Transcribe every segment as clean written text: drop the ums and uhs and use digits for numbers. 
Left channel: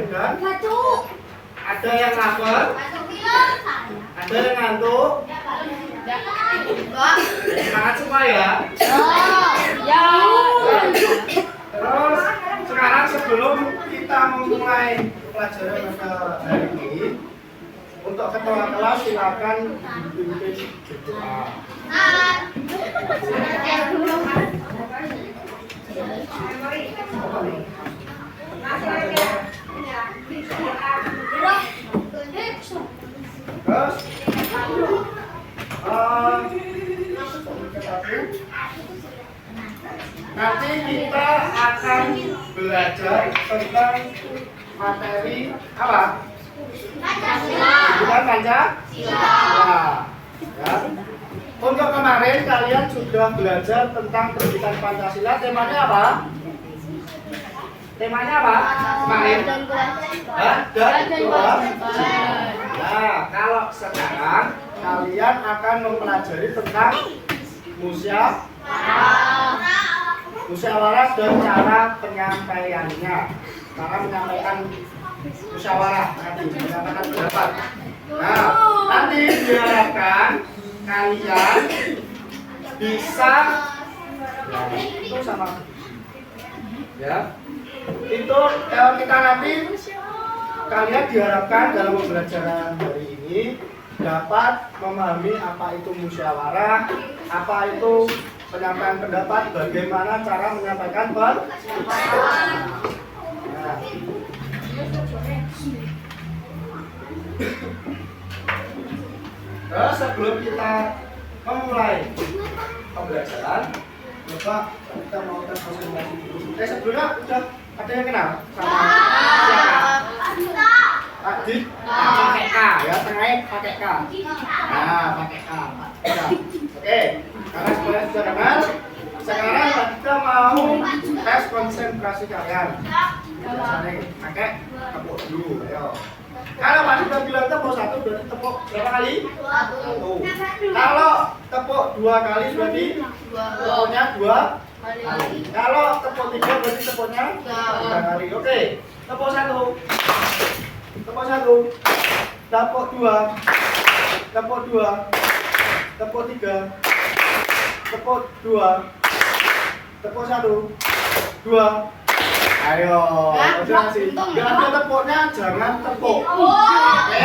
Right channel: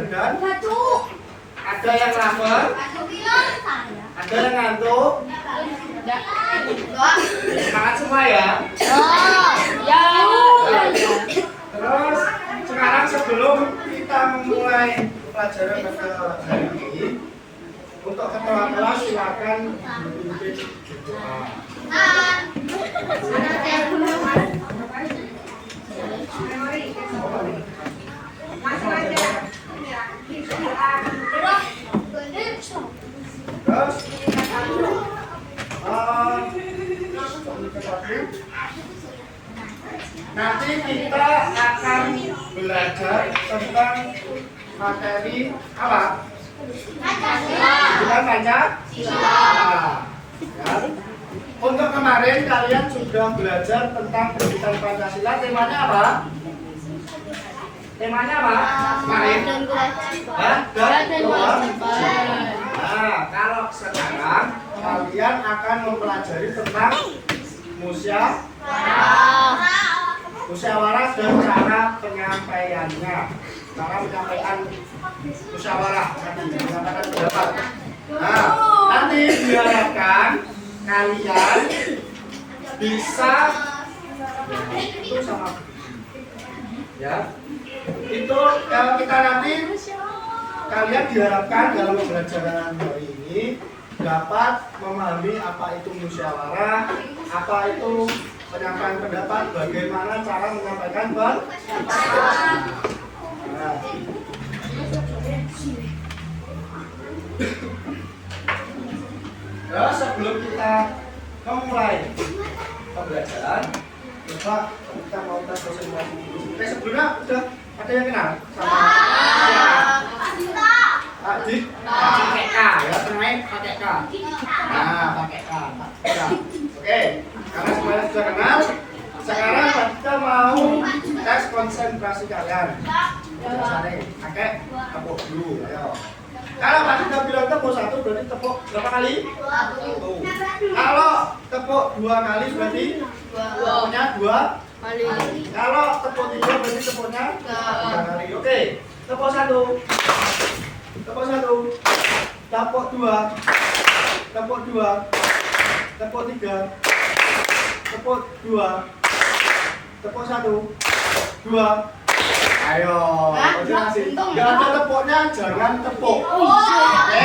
badan? Ada yang lapar? Ada yang ngantuk? Semangat semua ya? Terus sekarang sebelum kita memulai pelajaran pada hari ini, untuk ketua kelas silakan dipimpin berdoa. Terus nanti kita akan belajar tentang materi apa? Bukan Pancasila. Ya. Untuk kemarin kalian sudah belajar tentang pendidikan Pancasila. Temanya apa? Temanya apa? Kemarin? Nah, kalau sekarang kalian akan mempelajari tentang musyawarah dan cara penyampaiannya. Cara menyampaikan musyawarah tadi, menyampaikan pendapat. Nah, nanti diharapkan kalian bisa itu sama ya. Itu kalau kita nanti kalian diharapkan dalam pembelajaran hari ini dapat memahami apa itu musyawarah, apa itu penyampaian pendapat, bagaimana cara menyampaikan pendapat. Nah. Nah, sebelum kita memulai pembelajaran, coba kita mau tes konsentrasi dulu. Sebelumnya udah ada yang kenal sama siapa? Pak Dik, pakai K ya, tengahnya pakai K. Nah, pakai K. Oke, karena semuanya sudah kenal, sekarang kita mau tes konsentrasi kalian. Biasanya pakai tepuk dulu, ayo. Kalau Pak Dik udah bilang tepuk 1 berarti tepuk berapa kali? 1. Kalau tepuk 2 kali berarti tepuknya 2 kali. Kalau tepuk 3 berarti tepuknya 3 kali. Oke, tepuk 1. Tepuk 1. Tepuk 2. Tepuk 2. Tepuk 3. Tepuk 2. Tepuk 1. 2. Ayo, jangan tepuknya jangan tepuk. Oke,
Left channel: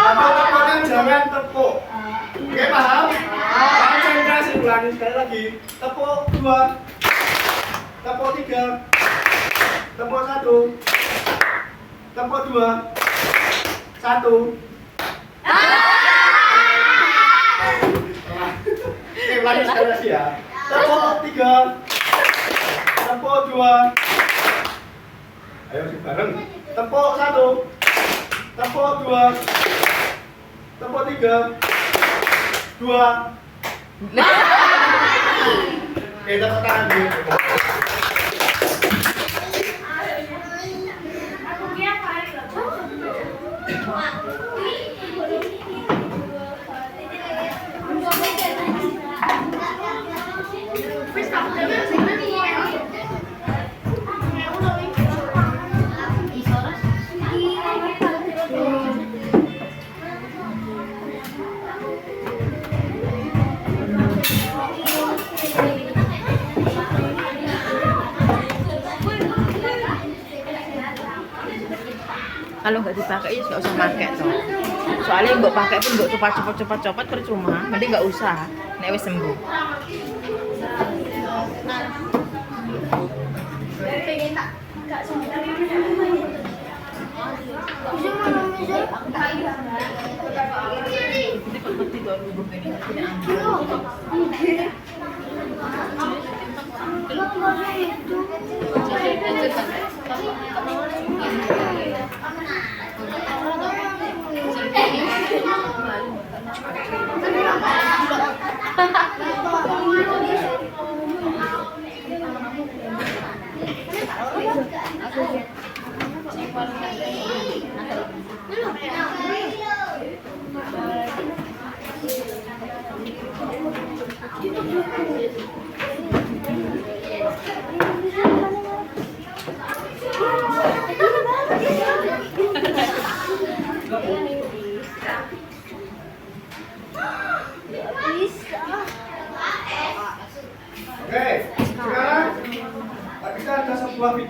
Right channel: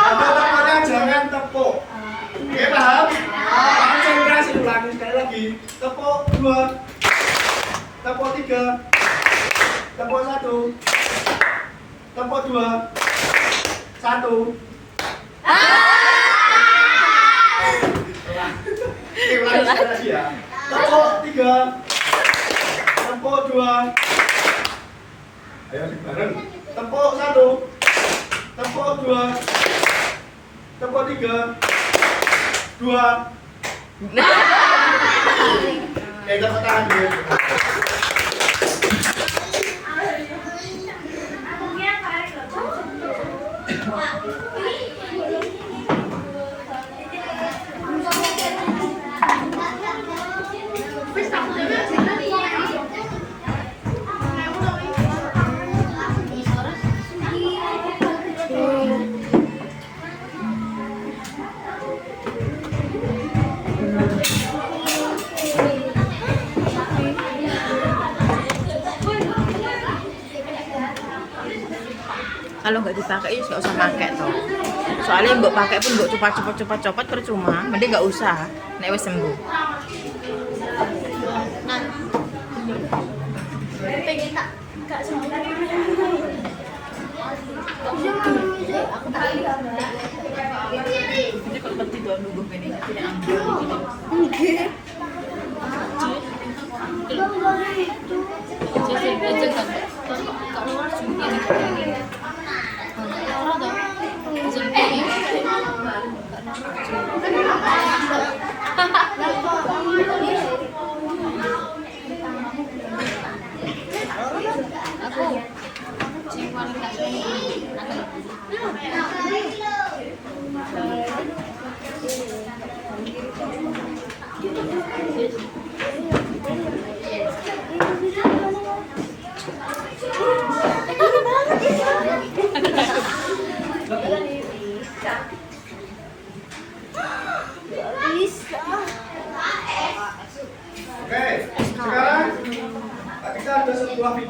ada tepuknya jangan tepuk. Oke, paham? Konsentrasi ulangi sekali lagi. Tepuk 2, tepuk 3, tepuk 1, tepuk 2, 1. Oke, ulangi sekali lagi ya. Tepuk 3, tepuk 2. Ayo bareng. Tepuk 1, tepuk 2, tepuk 3, 2. Tepuk tangan dulu. Kalau nggak dipakai ya nggak usah pakai toh. Soalnya mbok pakai pun mbok copot percuma, mending nggak usah. Nek wis sembuh.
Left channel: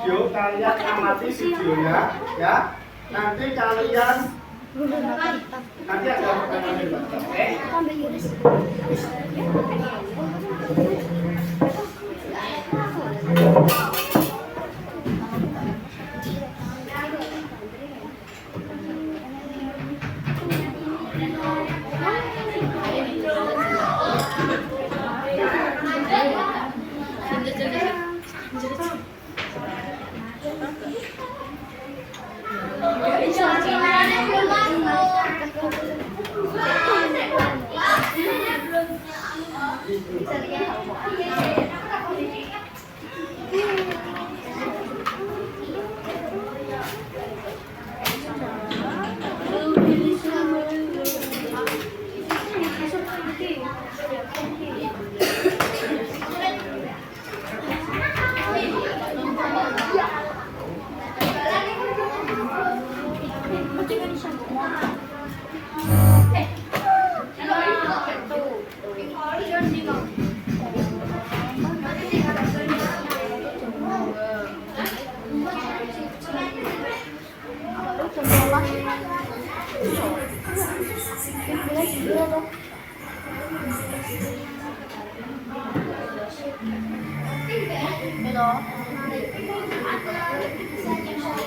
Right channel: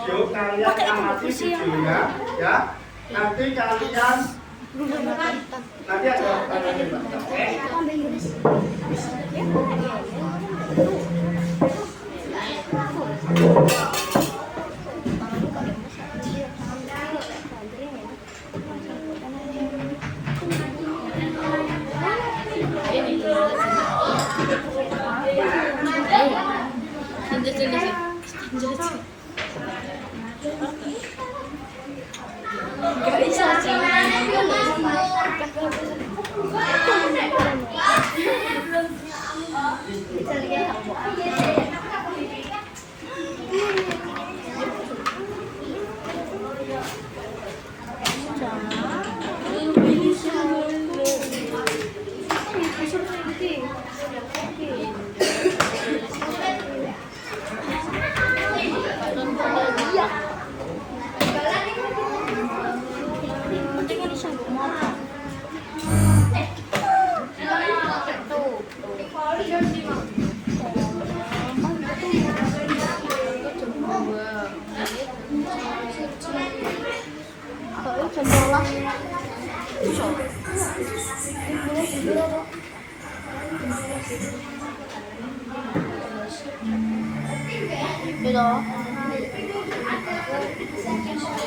video, kalian amati videonya ya. Nanti kalian nanti ada pertanyaan juga, oke?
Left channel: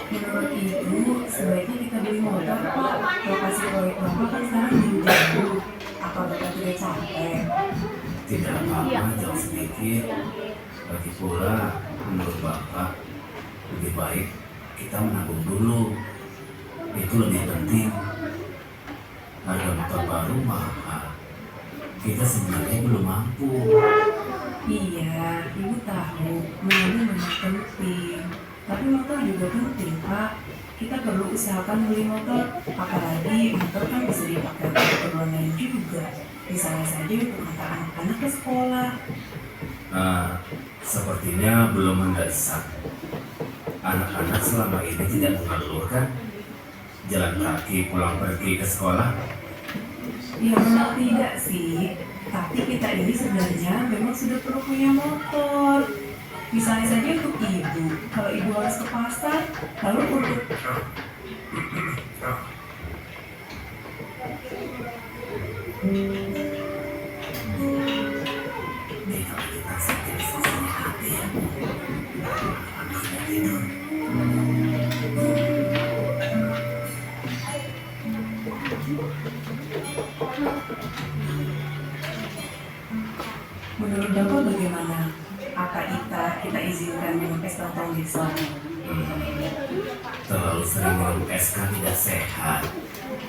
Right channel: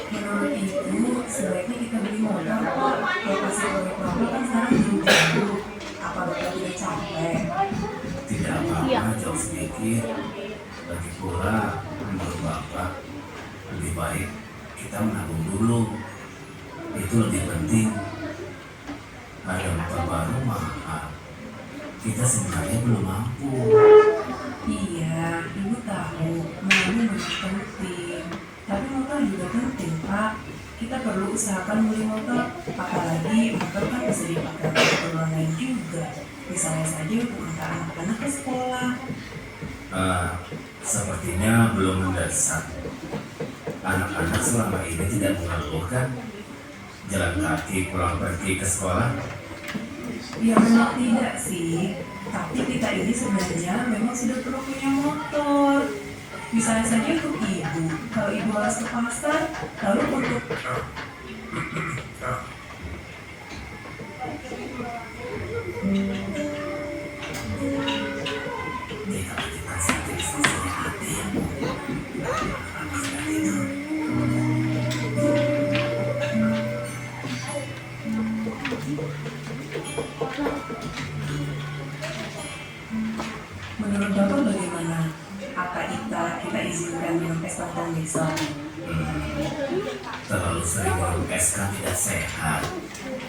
Menurut ibu, sebaiknya kita beli motor kok. Lokasi proyek lama kan sekarang jauh. Apa bapak tidak capek? Tidak apa-apa, jauh sedikit. Lagi pula, menurut bapak, lebih baik kita menabung dulu. Itu lebih penting. Harga motor baru mahal. Kita sebenarnya belum mampu. Iya, ibu tahu menabung memang penting. Tapi motor juga penting, Pak. Kita perlu usahakan beli motor. Apalagi motor kan bisa dipakai untuk keperluan lain juga. Misalnya saja untuk antar anak-anak ke sekolah. Sepertinya belum mendesak. Anak-anak selama ini tidak mengeluh kan? Jalan kaki pulang pergi ke sekolah. Ya memang tidak sih. Tapi kita ini sebenarnya memang sudah perlu punya motor. Misalnya saja untuk ibu, kalau ibu harus ke pasar, lalu untuk menurut Bapak bagaimana? Apa kita izinkan minum es lontong besok? Terlalu sering minum es kan tidak sehat.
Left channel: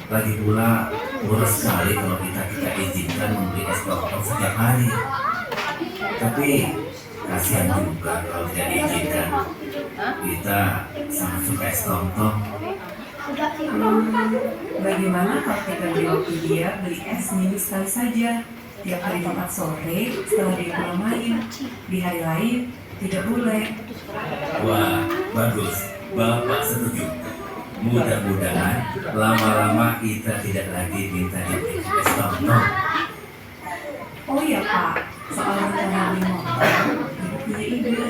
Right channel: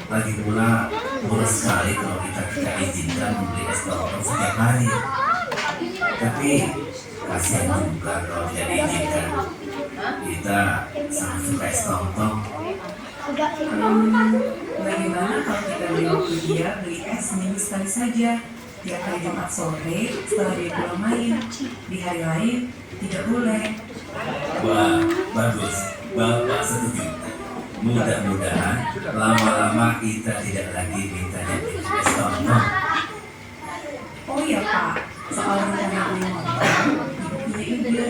Lagi pula boros sekali kalau kita izinkan membeli es lontong setiap hari. Tapi kasihan juga kalau tidak diizinkan. Kita sangat suka es lontong. Bagaimana kalau kita beri waktu dia beli es seminggu sekali saja? Tiap hari Jumat sore setelah dia pulang main. Di hari lain tidak boleh. Wah, bagus. Bapak setuju. Mudah-mudahan lama-lama kita tidak lagi minta dia beli es lontong. Oh iya Pak, soal rencana beli motor, ibu punya ide.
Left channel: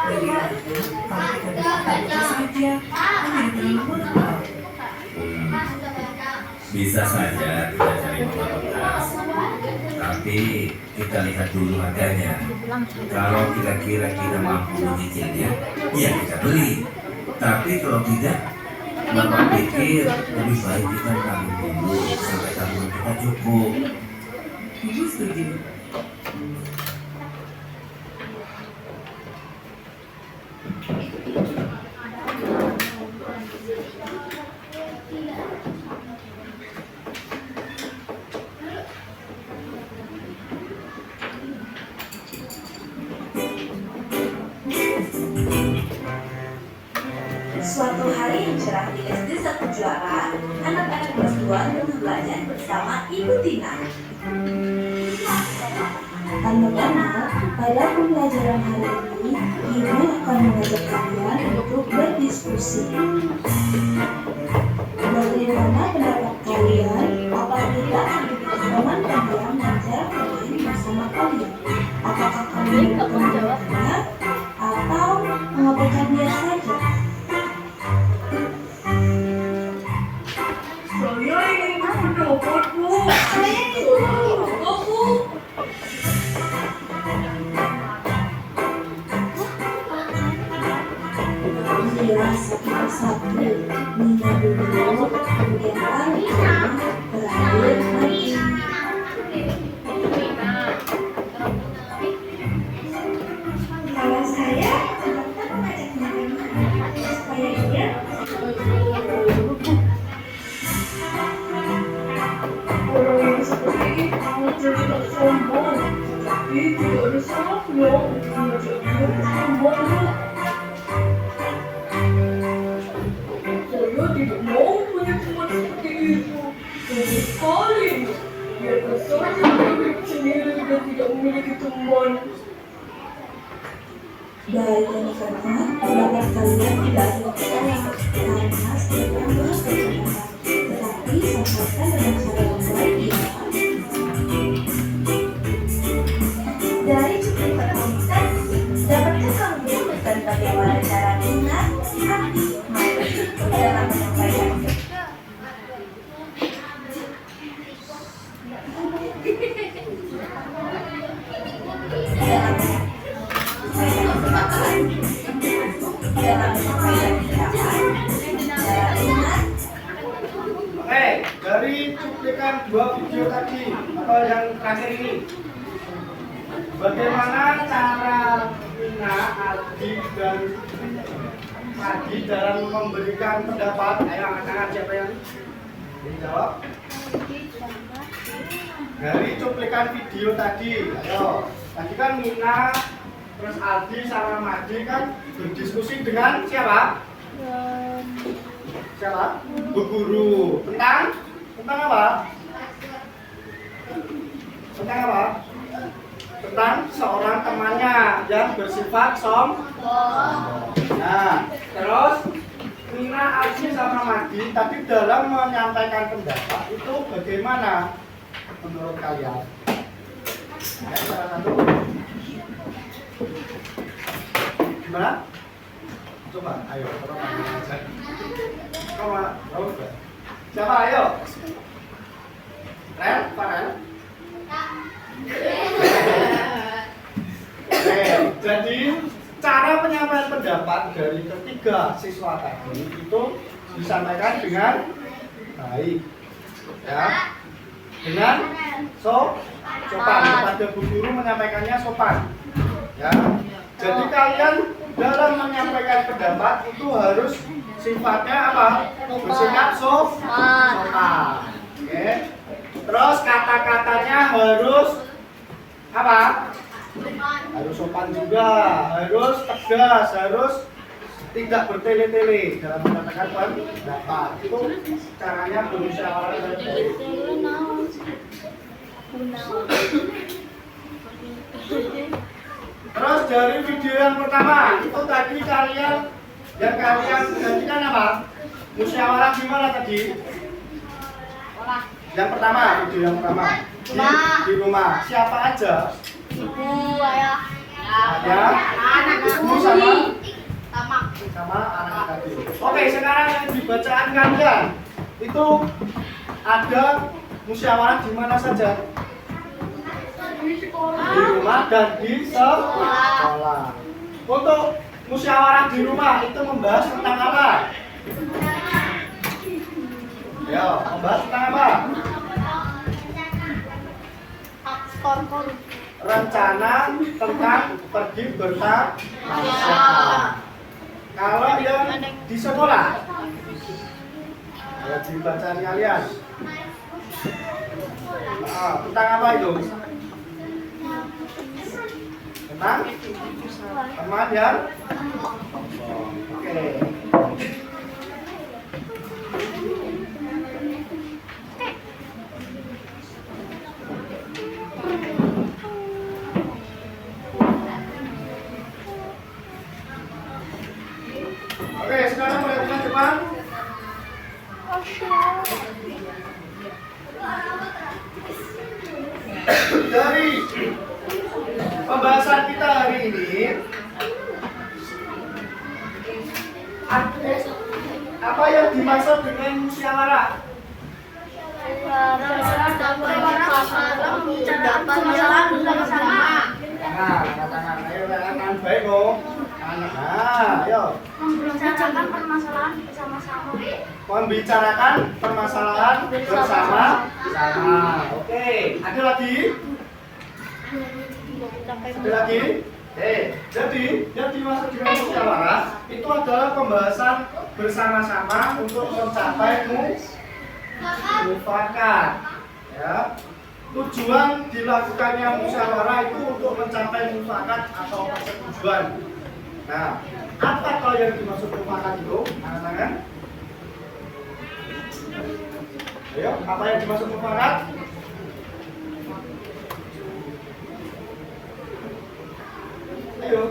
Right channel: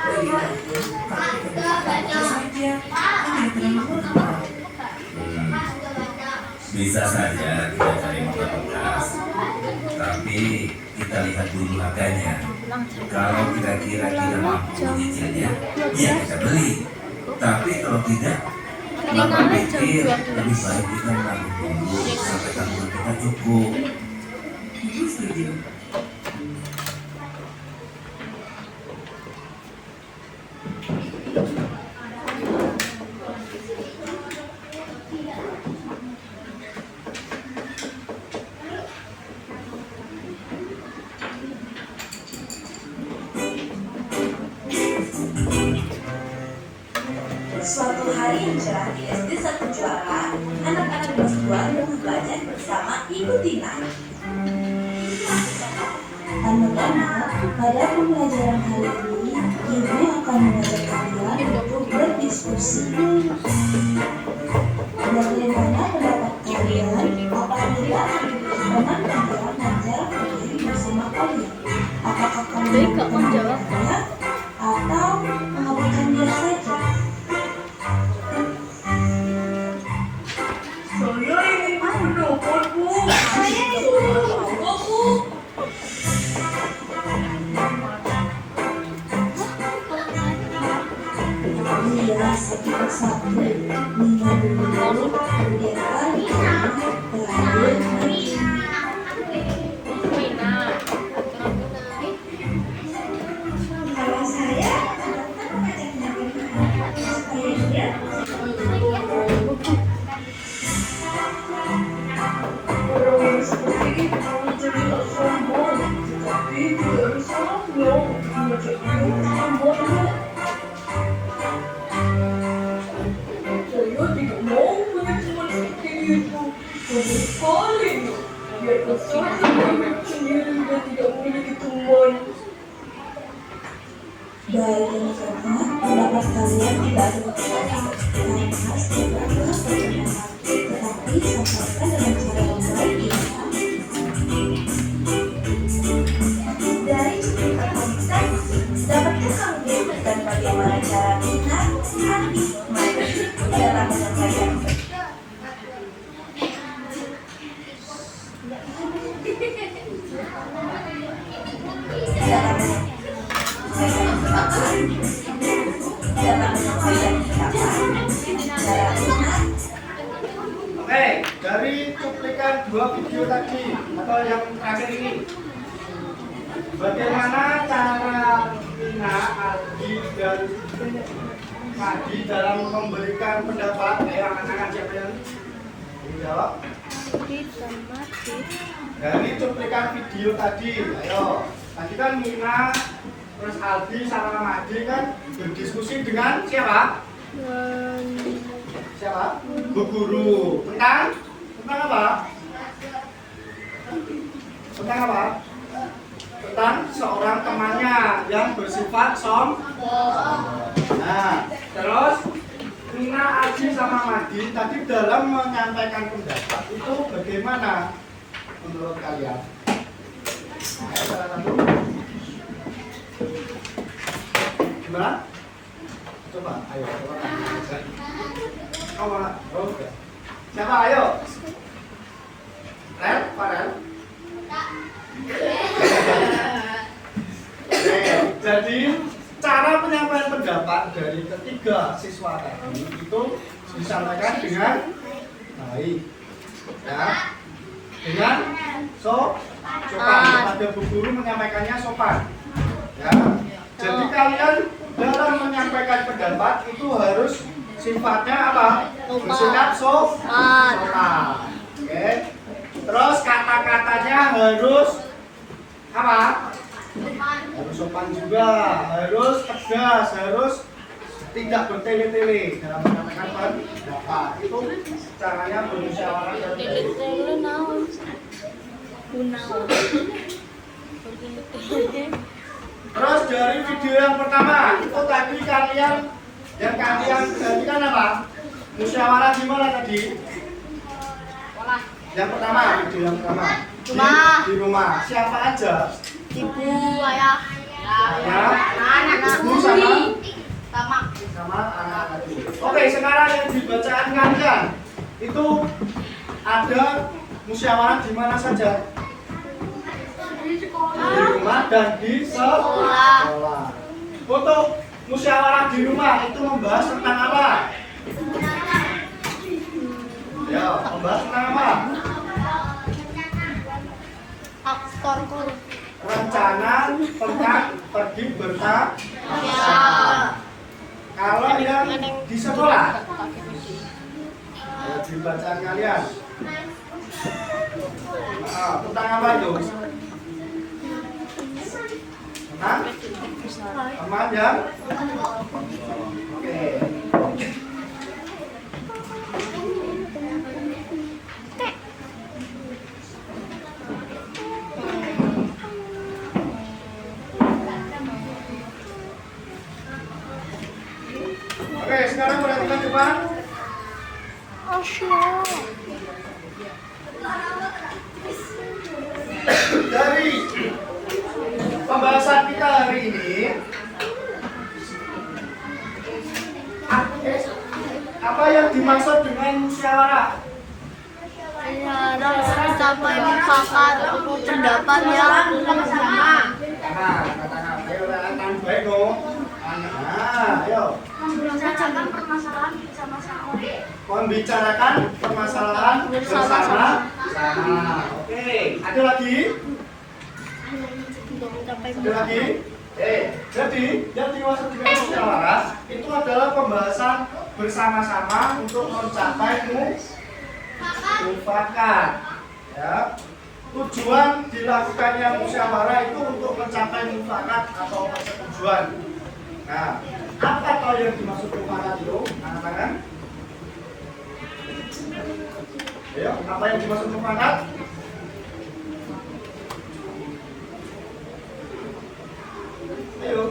Lebih lagi kalau kita bisa itu saja, kan tidak terlalu mahal. Bisa saja kita cari motor bekas. Tapi kita lihat dulu harganya. Kalau kira-kira kita mampu menyicilnya, ya kita beli. Tapi kalau tidak, Bapak pikir lebih baik kita menabung dulu sampai tabungan kita cukup. Ibu setuju? Suatu hari yang cerah di SD Satu Juara, anak-anak kelas 2 tengah belajar bersama Ibu Tina. Anak-anak, pada pembelajaran hari ini, Ibu akan mengajak kalian untuk berdiskusi. Bagaimana pendapat kalian apabila teman kalian mengajar berdiri bersama kalian? Apakah kalian menjawabnya atau mengabaikan dia saja? jangan terlihat sombong. Tapi tidak ada salahnya mengajak dia bersamanya. Saya tidak mau berteman seperti itu. Sama sekali. Biarkan saya hidup sendiri dan tidak memiliki teman. Baik ini karena pendapat kalian tidak ada masalah karena setiap orang berpendapat, tetapi sampaikan dengan cara yang baik ya. Dari cuplikan meditasi, dapatkah kamu menemukan bagaimana cara mengenali hati manusia dalam menyampaikan? Oke, dari cuplikan 2 video tadi atau yang terakhir ini, bagaimana cara Nina, Aldi, dan Adi dalam memberikan pendapat? Ayo angkat-angkat, siapa yang dijawab? Dari cuplikan video tadi, ayo. Tadi kan Nina, terus Aldi sama Madi kan berdiskusi dengan siapa? Siapa? Bu Guru. Tentang apa? Tentang apa? Tentang seorang temannya yang bersifat sombong. Nah, terus Nina, Aldi sama Madi tadi dalam menyampaikan pendapat itu bagaimana menurut kalian? Ayo, salah satu. Gimana? Coba, ayo. Oke. Siapa? Ayo. Rel, Farel. Jadi cara penyampaian pendapat dari ketiga siswa tadi itu disampaikan dengan baik, ya, dengan sopan. Kepada Bu Guru menyampaikannya sopan, ya. Jadi kalian dalam menyampaikan pendapat itu harus sifatnya apa? Bersikap sopan. Oke. Terus kata-katanya harus apa? Harus sopan juga, harus tegas, harus tidak bertele-tele dalam menyampaikan pendapat. Itu caranya bermusyawarah dan baik. Terus dari video yang pertama itu tadi kalian gantikan apa? Musyawarah gimana tadi? Yang pertama, video yang pertama di rumah. Siapa aja? Ibu, ayah, Ayah, ibu sama anak-anak tadi. Oke, sekarang yang dibacaan kalian itu ada musyawarah di mana saja? Di rumah dan di sekolah. Untuk musyawarah di rumah itu membahas tentang apa? Ya, membahas tentang apa? Rencana tentang pergi bersama. Kalau yang di sekolah, ya di bacaan kalian. Tentang apa itu? Tentang teman yang oke. Oke, sekarang perhatikan cepat. Dari pembahasan kita hari ini, apa yang dimaksud dengan musyawarah? pendapat yang bersama. Nah, katakan, ayo rekan baik loh. Nah, ayo. Membicarakan permasalahan bersama-sama. Membicarakan permasalahan bersama. Oke, ada lagi? Ada lagi? Jadi yang dimaksud dengan musyawarah itu adalah pembahasan bersama-sama untuk mencapai mufakat. Ya. tujuan dilakukannya musyawarah itu untuk mencapai mufakat atau persetujuan. Nah, apa toh yang dimaksud mufakat itu? Angkat tangan. Ayo, apa yang dimaksud mufakat? Ayo.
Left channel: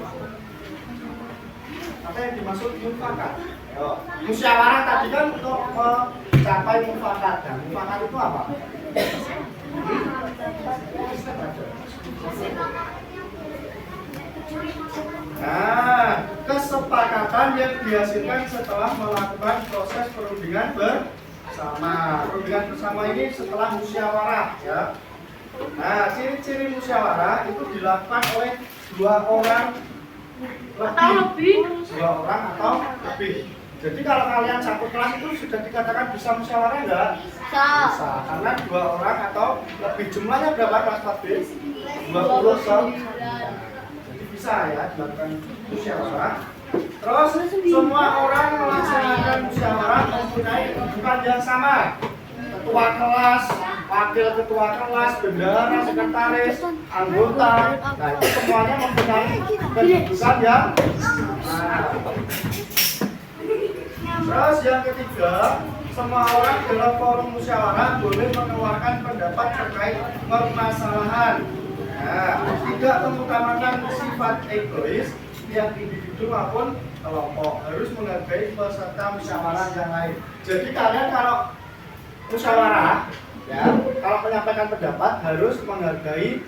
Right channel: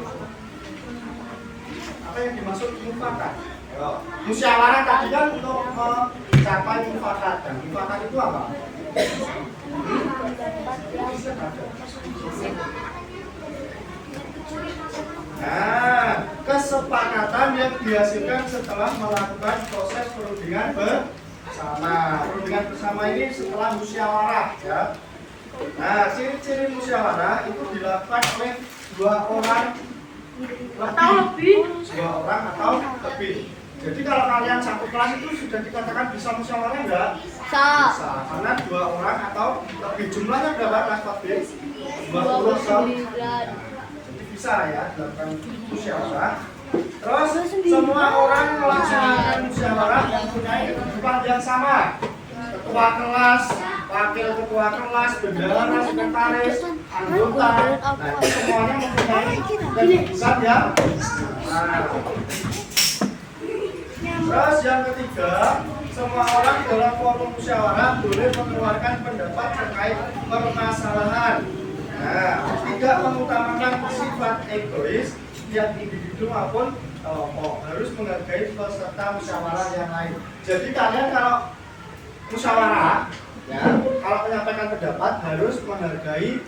Apa yang dimaksud mufakat? Ayo. Musyawarah tadi kan untuk mencapai mufakat. Dan mufakat itu apa? Nah, kesepakatan yang dihasilkan setelah melakukan proses perundingan bersama. Perundingan bersama ini setelah musyawarah, ya. Nah, ciri-ciri musyawarah itu dilakukan oleh dua orang lebih. Dua orang atau lebih. Jadi kalau kalian satu kelas itu sudah dikatakan bisa musyawarah enggak? Bisa. Bisa, karena dua orang atau lebih. Jumlahnya berapa kelas lebih? 20 so. Jadi bisa ya dilakukan musyawarah. Terus semua orang melaksanakan musyawarah mempunyai kedudukan yang sama. Ketua kelas, wakil ketua kelas, bendahara, sekretaris, anggota. Nah, itu semuanya mempunyai kedudukan yang Terus yang ketiga, semua orang dalam forum musyawarah boleh mengeluarkan pendapat terkait permasalahan. Nah, tidak mengutamakan sifat egois yang individu maupun kelompok, harus menghargai peserta musyawarah yang lain. Jadi kalian kalau musyawarah, ya, kalau menyampaikan pendapat harus menghargai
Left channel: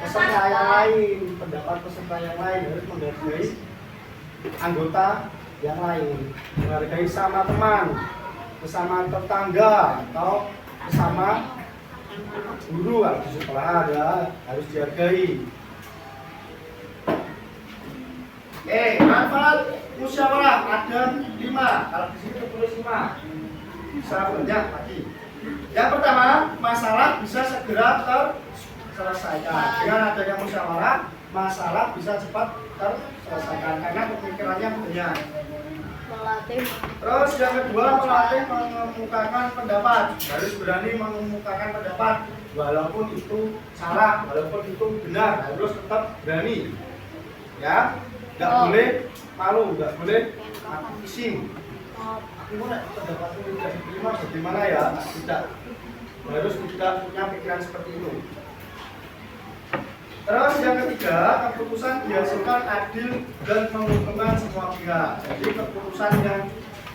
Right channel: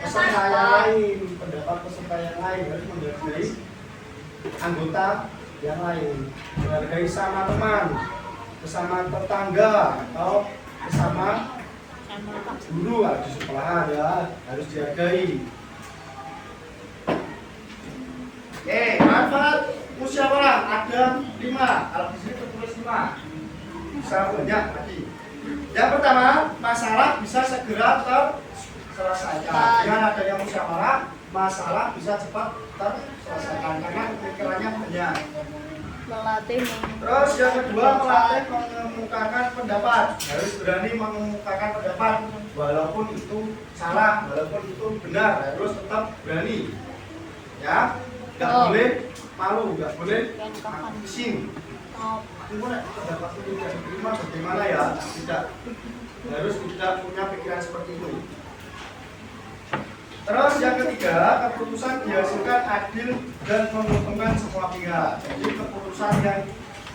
peserta yang lain, pendapat peserta yang lain harus menghargai anggota yang lain, menghargai sama teman, bersama tetangga atau bersama guru di sekolah ya, harus dihargai. Manfaat musyawarah ada 5. Kalau di sini tertulis 5, bisa banyak tadi. Yang pertama, masalah bisa segera terselesaikan. Dengan adanya musyawarah, masalah bisa cepat terselesaikan karena pemikirannya banyak. Terus yang kedua, melatih mengemukakan pendapat. Harus berani mengemukakan pendapat walaupun itu salah, walaupun itu benar, harus tetap berani. Ya, nggak boleh malu, nggak boleh pusing. Gimana pendapatnya tidak diterima bagaimana ya? Tidak, harus tidak punya pikiran seperti itu. Terus yang ketiga, keputusan dihasilkan adil dan menguntungkan semua pihak. Jadi keputusan yang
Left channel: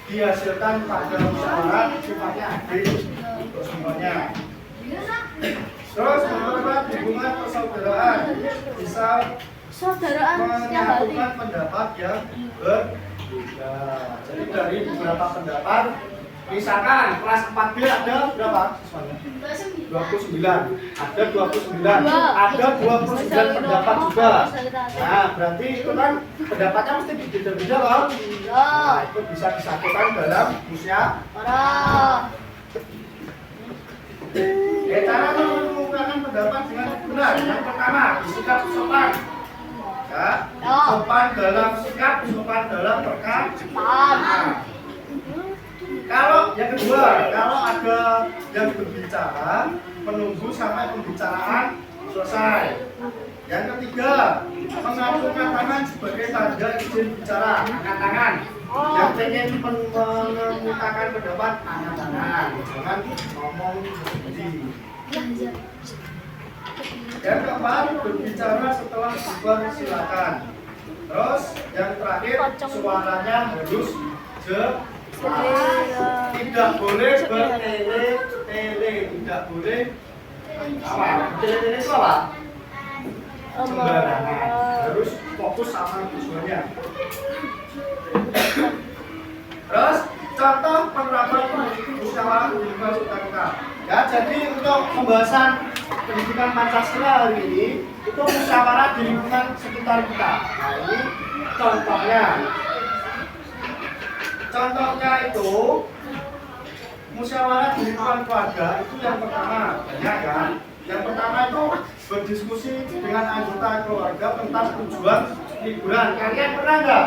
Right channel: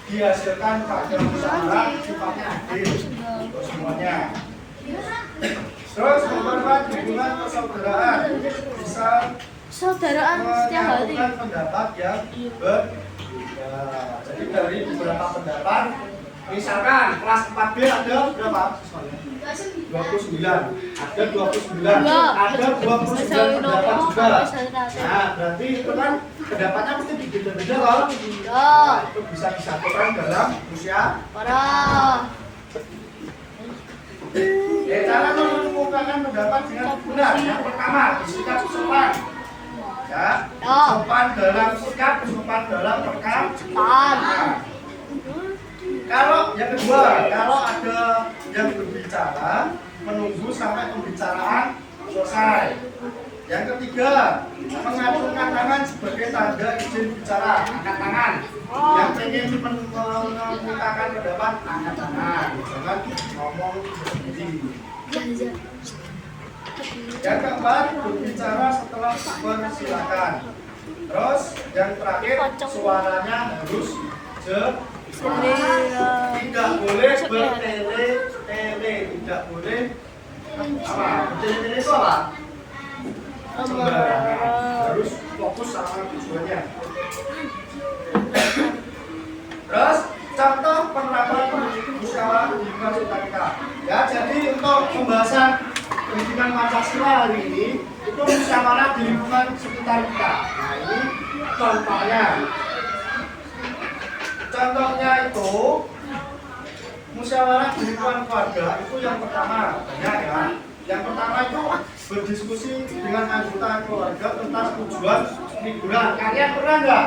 dihasilkan pada musyawarah sifatnya adil untuk semuanya. Terus memperkuat hubungan persaudaraan, bisa menyatukan pendapat yang berbeda. Jadi dari beberapa pendapat, misalkan kelas 4B ada berapa siswanya? 29. Ada 29. Ada 29 pendapat juga. Nah, berarti itu kan pendapatnya mesti beda-beda loh. Nah, itu bisa disatukan dalam musyawarah. Cara mengemukakan pendapat dengan benar. Yang pertama, bersikap sopan. Ya, sopan dalam sikap, sopan dalam perkataan. Kalau yang kedua, kalau ada yang berbicara, menunggu sampai pembicaraan selesai. Yang ketiga, mengacungkan tangan sebagai tanda izin bicara, angkat tangan. Yang pengen mengemukakan pendapat, angkat tangan, jangan ngomong sendiri. Yang keempat, berbicara setelah dipersilakan. Terus yang terakhir, suaranya harus jelas. Tidak boleh bertele-tele, tidak boleh apa? Bertele-tele itu apa? Sembarangan, harus fokus sama tujuannya. Terus contoh penerapan musyawarah pendidikan kita. Ya, jadi untuk pembahasan pendidikan Pancasila hari ini itu musyawarah di lingkungan sekitar kita. Nah, ini contohnya. Contohnya itu musyawarah di lingkungan keluarga itu yang pertama banyak ya. Yang pertama itu berdiskusi dengan anggota keluarga tentang tujuan liburan. Kalian pernah nggak?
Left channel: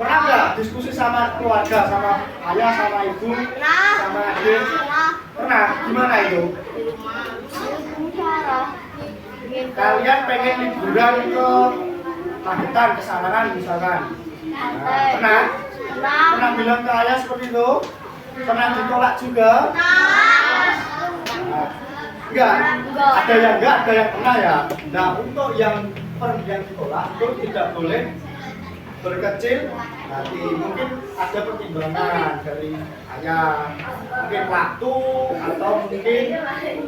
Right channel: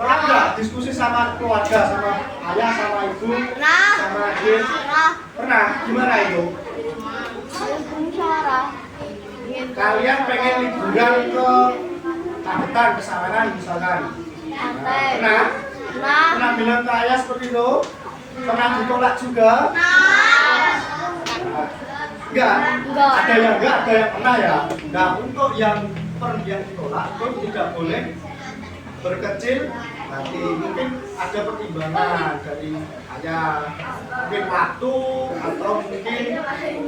Pernah nggak diskusi sama keluarga, sama ayah, sama ibu, sama adik? Pernah? Gimana itu? Musyawarah. Kalian pengen liburan ke Magetan, ke Sawangan misalkan. Nah, pernah? Pernah bilang ke ayah seperti itu? Pernah ditolak juga? Enggak. Ada yang enggak, ada yang pernah ya. Nah, untuk yang ditolak itu tidak boleh berkecil hati. Mungkin ada pertimbangan dari ayah, mungkin waktu atau mungkin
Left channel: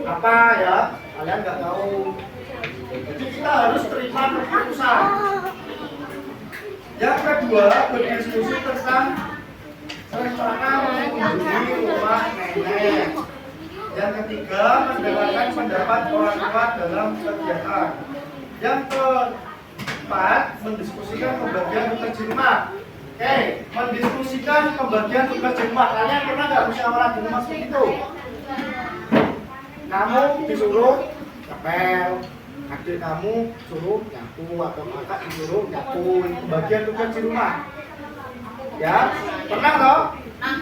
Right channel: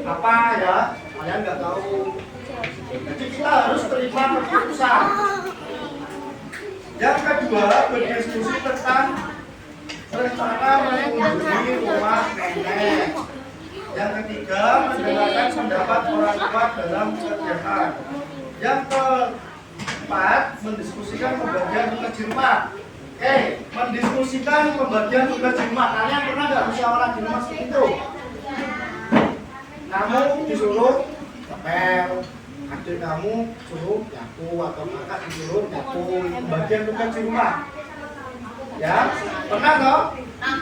apa ya, kalian nggak tahu. Jadi kita harus terima keputusan. Yang kedua, berdiskusi tentang rencana mengunjungi rumah nenek. Yang ketiga, mendengarkan pendapat orang tua dalam kegiatan. Yang keempat, mendiskusikan pembagian tugas di rumah. Oke, mendiskusikan pembagian tugas di rumah. Kalian pernah nggak musyawarah di rumah seperti itu? Kamu disuruh ngepel, adik kamu suruh nyapu atau kakak disuruh nyapu, pembagian tugas di rumah. Ya, pernah toh? Nah,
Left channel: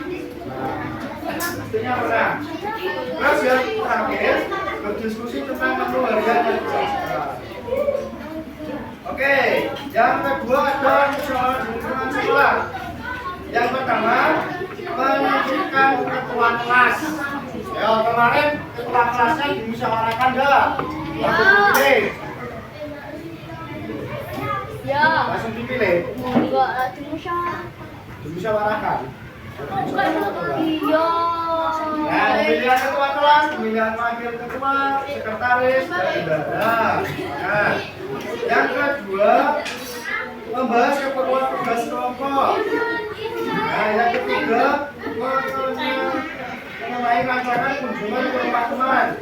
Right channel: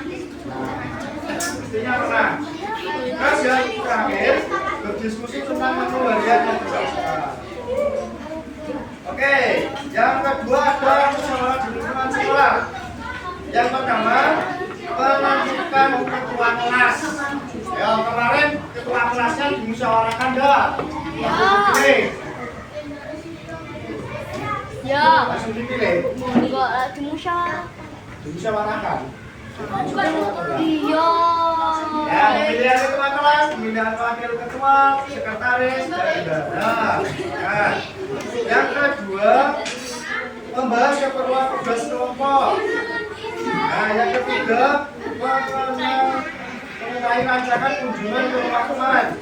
pastinya pernah. Terus yang terakhir, berdiskusi tentang menu harian yang disajikan. Oke, yang kedua ada musyawarah di lingkungan sekolah. Yang pertama, menentukan ketua kelas. Ya, kemarin ketua kelasnya dimusyawarahkan enggak? Langsung dipilih. Ya. Langsung dipilih. Enggak dimusyawarah. Dimusyawarahkan. Iya. Nah, pemilihan ketua kelas, pemilihan wakil ketua, sekretaris, dan bendahara. Nah, yang kedua, membahas keperluan tugas kelompok. Nah, yang ketiga, mengenai rancangan kunjungan ke rumah teman.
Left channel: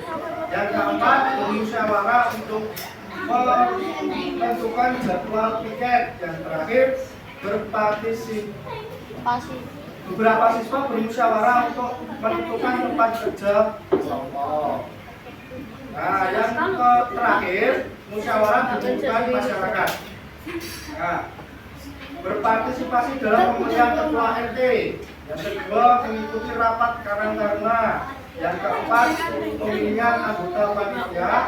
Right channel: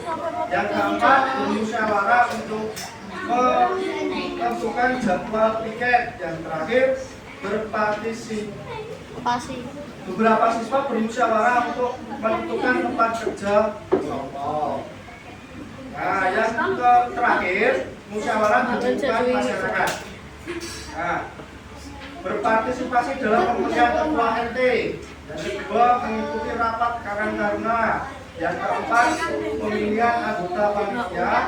Yang keempat, bermusyawarah untuk menentukan jadwal piket. Yang terakhir, berpartisipasi. Beberapa siswa bermusyawarah untuk menentukan tempat kerja kelompok. Nah, yang terakhir, musyawarah menentukan masyarakat. Nah, berpartisipasi dalam pemilihan ketua RT. Yang kedua, mengikuti rapat karang-taruna. Yang keempat, pemilihan anggota panitia.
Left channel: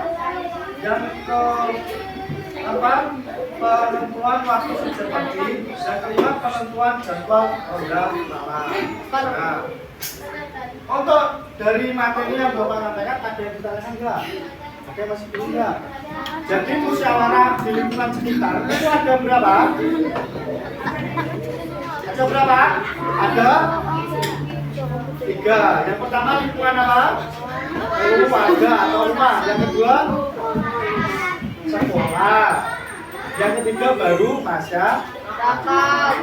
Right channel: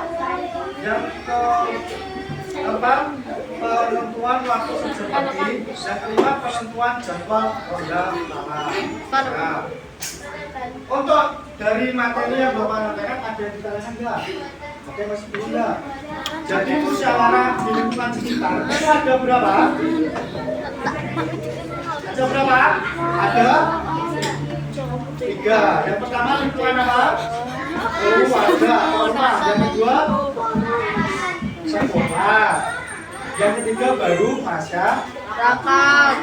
Yang keempat, penentuan waktu sejak pagi. Yang kelima, penentuan jadwal ronda malam. Nah, untuk dari materi yang Bapak sampaikan, ada yang ditanyakan enggak? Ada yang masih belum enggak? Jadi musyawarah di lingkungan sekitar itu ada berapa? Ada berapa? Ada 3. Yang pertama lingkungan apa? Keluarga atau rumah. Yang kedua sekolah. Yang ketiga baru masyarakat.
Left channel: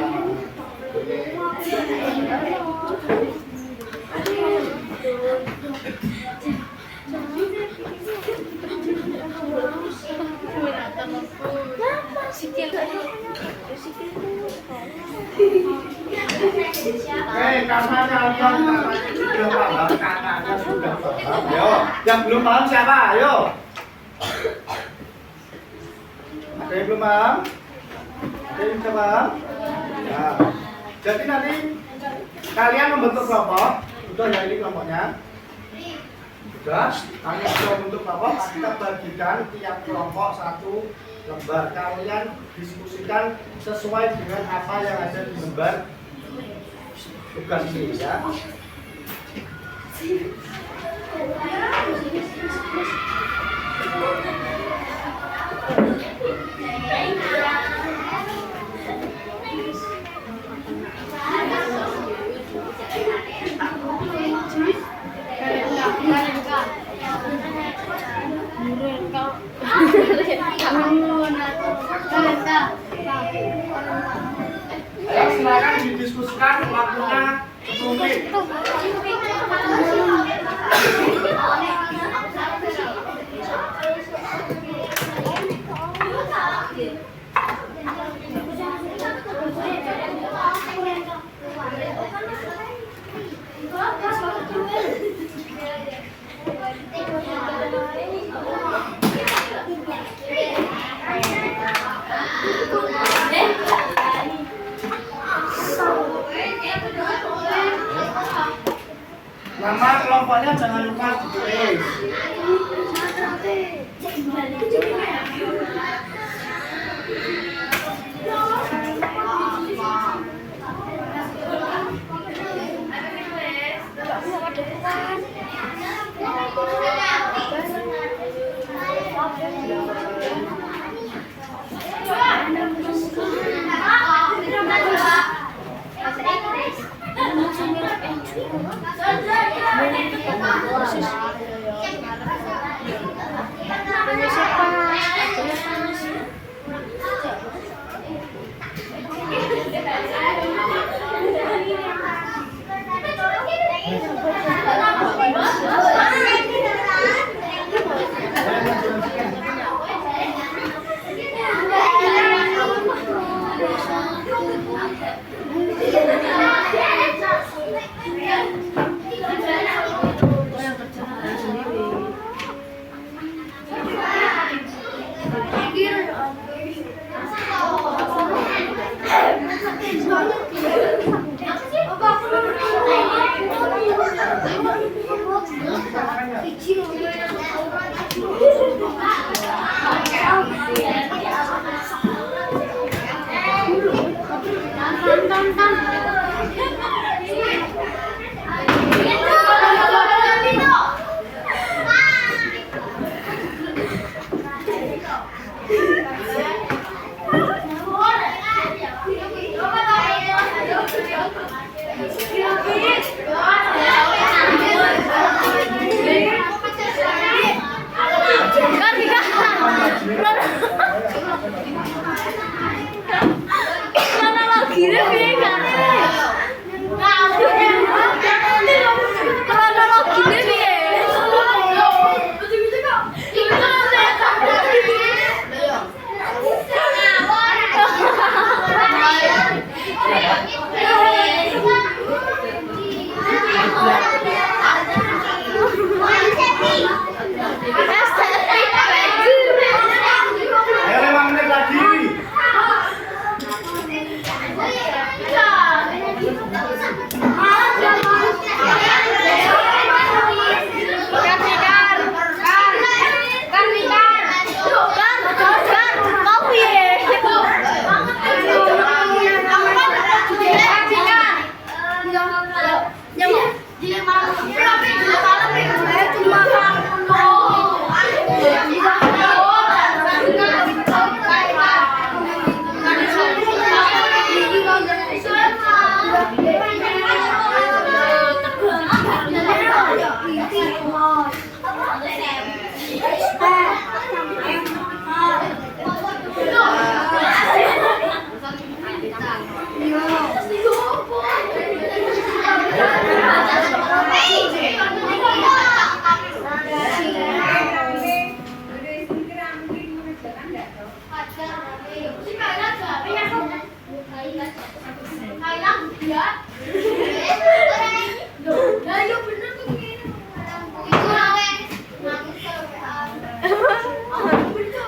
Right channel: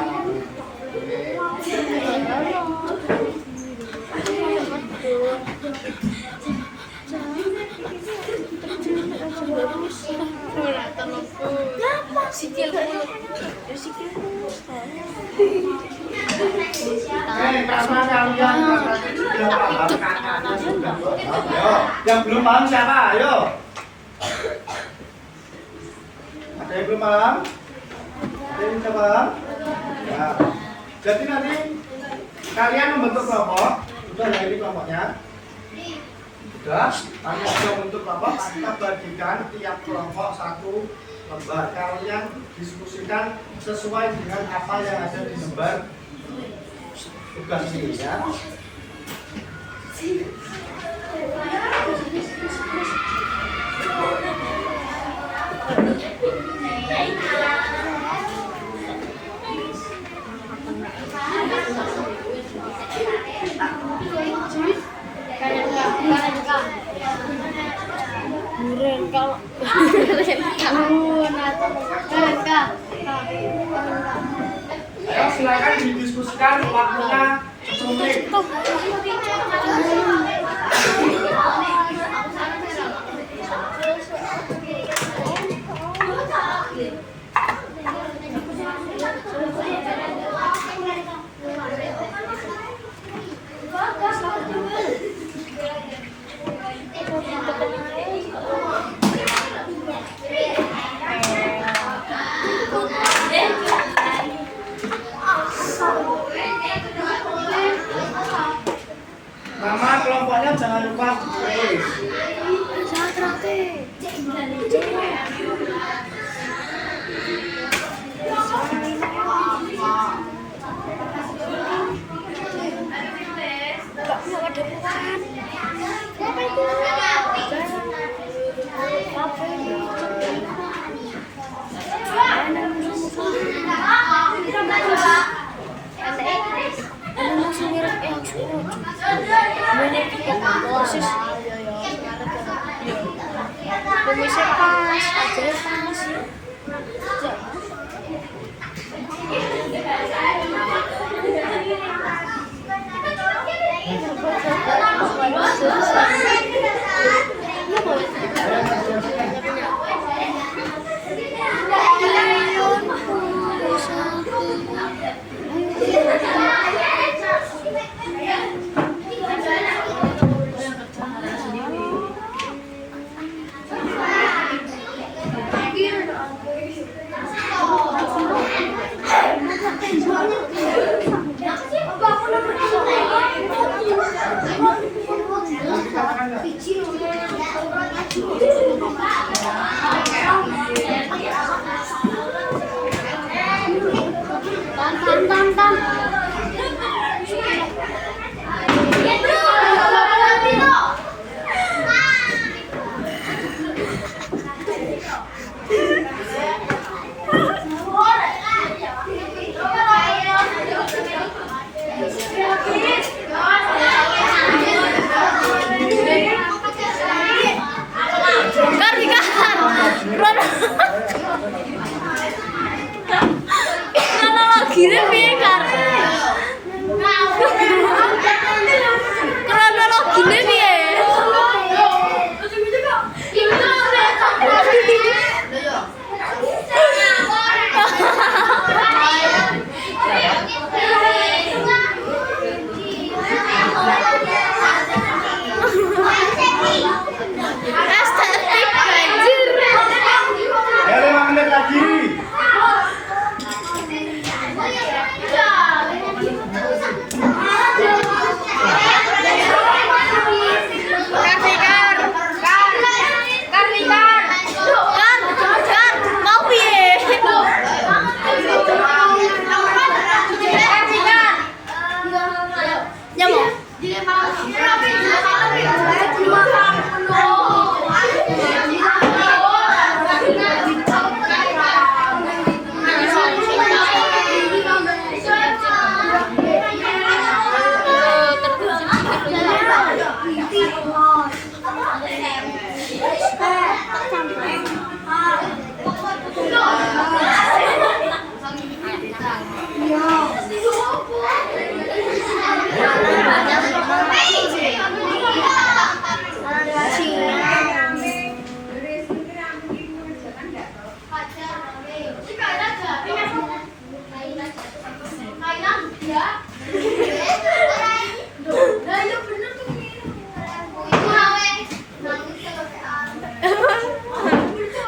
Karena kalian sudah paham, kakaknya sudah paham. Ayo, yang belum paham siapa? Ayo. Ada yang belum paham? Ada yang sudah paham? Ya. Jadi nanti kalian membentuk kelompok. Sudah ya ini kelompoknya. Sudah. Kalian sudah membentuk kelompok. Kita bagikan tiap kelompok 1 lembar. Kalian diskusikan sesuai dengan apa yang ada di lembar tugas ini ya. Ayo silakan didiskusikan, waktunya 10 menit. Nama kelompoknya jangan lupa ditulis. Kronologinya piye kan? Kronologinya piye? Estetik banjir. Ya 5 menit lagi.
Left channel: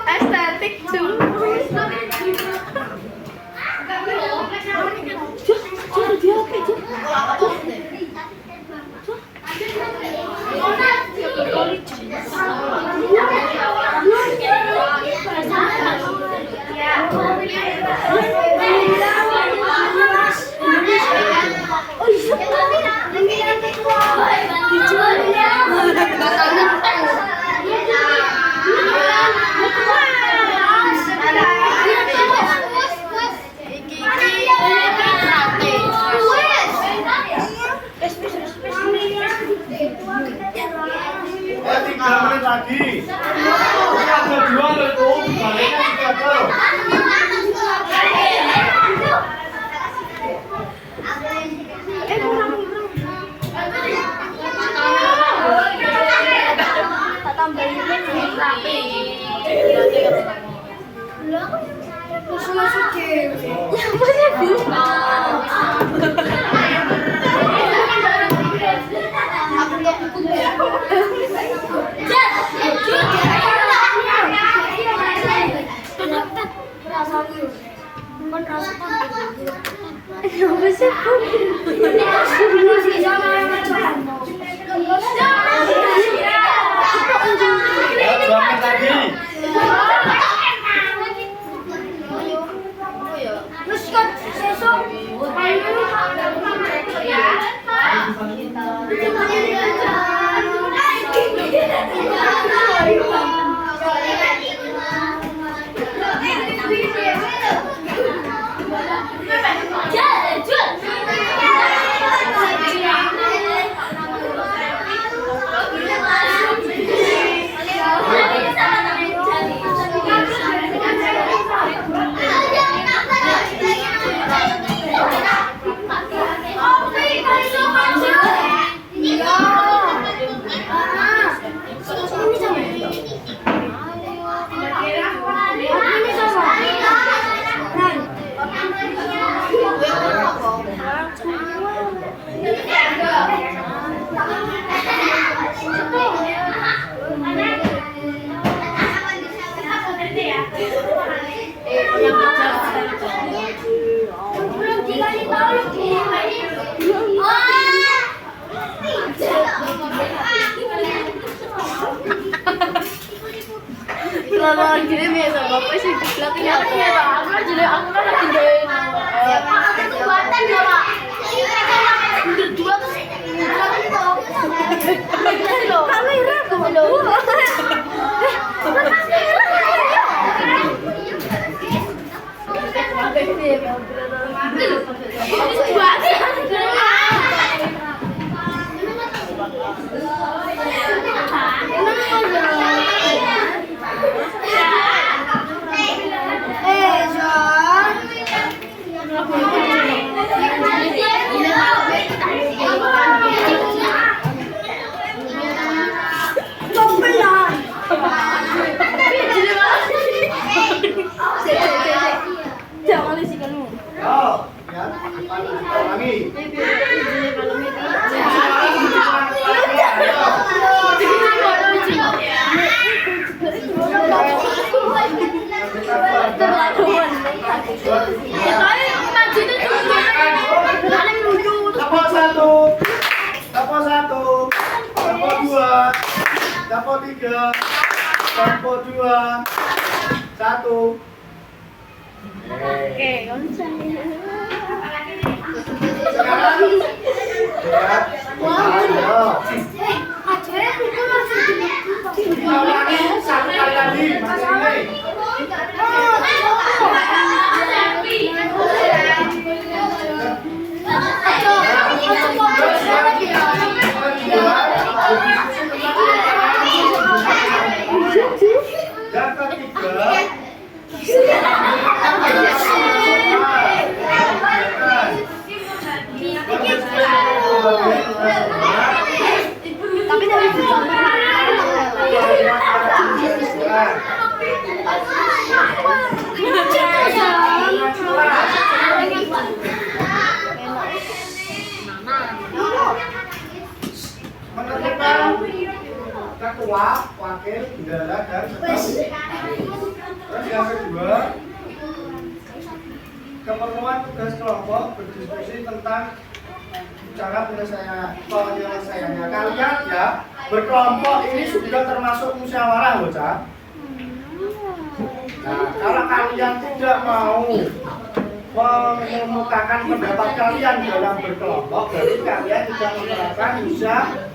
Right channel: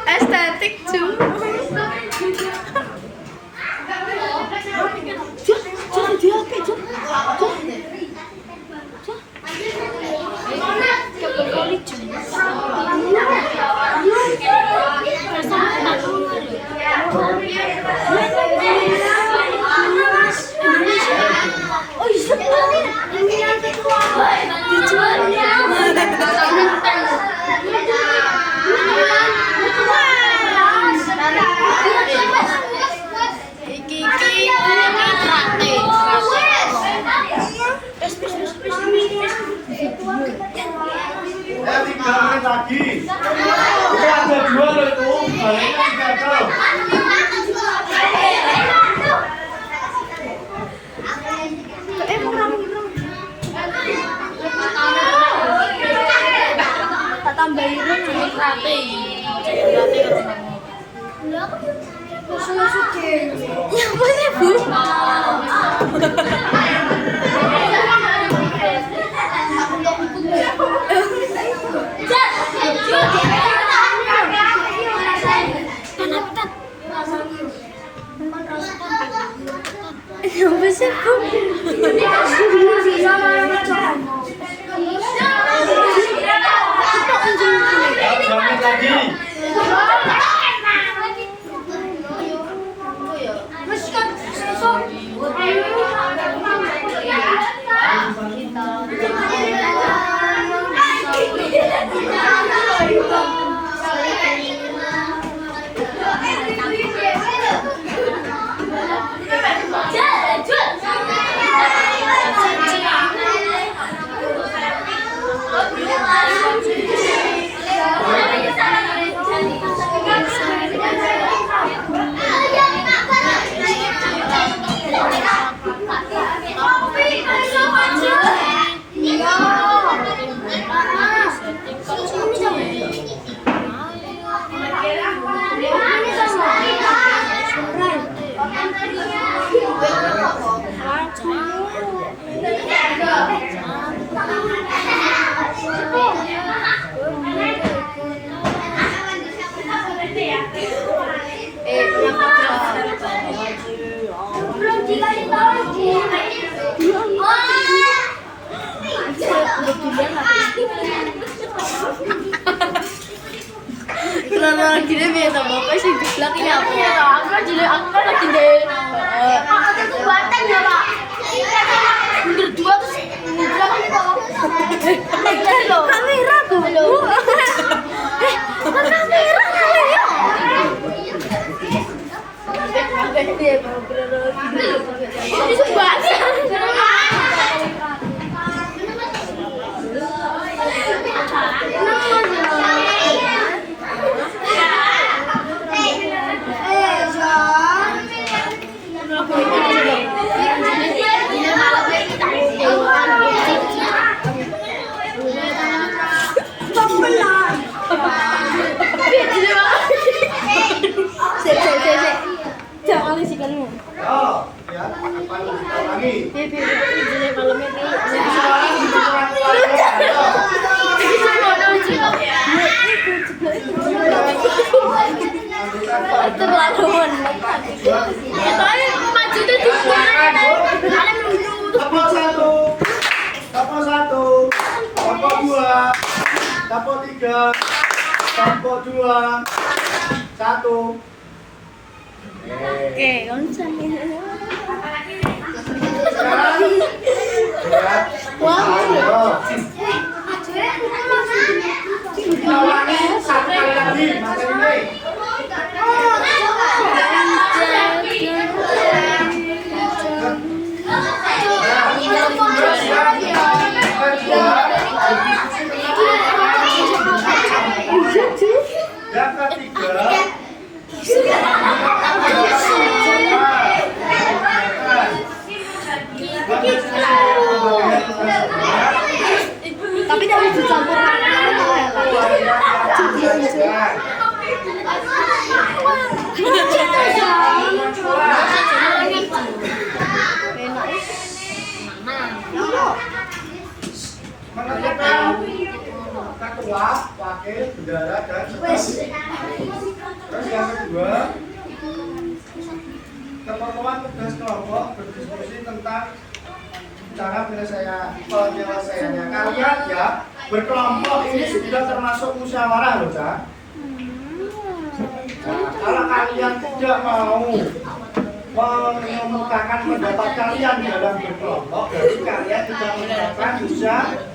Estetik cuma. Ya 3 menit lagi. Itu ada 2 loh itu. Baliknya 3 tuh. Apa sih? Ya 2 menit lagi. Iya. gini biar sama apa sih di belakang ya? Aku kan lagi deh. Ada kekuatan ya pak. Mundur dua terus mundur kok. Kamera dulu. Kamera. Itu banget. Jangan isikanmu. Oh, ya, depan lagi. Tepuk satu, tepuk satu, tepuk dua, tepuk tiga, tepuk dua, satu. Oke, konsen. Sekarang, lihat, ayo. Kita ulangi satu kali lagi, Mas Rini. Yang ketiga, Tapi tidak bisa campur. menentukan ketua, wakil, bendara, dan sekretaris. Terus yang kedua, keperluan tugas kelompok berdiskusi tentang cara penyelesaiannya. Kalian ya berkelompok ini sudah termasuk musyawarah loh, Cak. Nah, kalau kalian tidak mau mengemukakan pendapat kalian dalam berkelompok, berarti kalian tidak menerapkan musyawarah.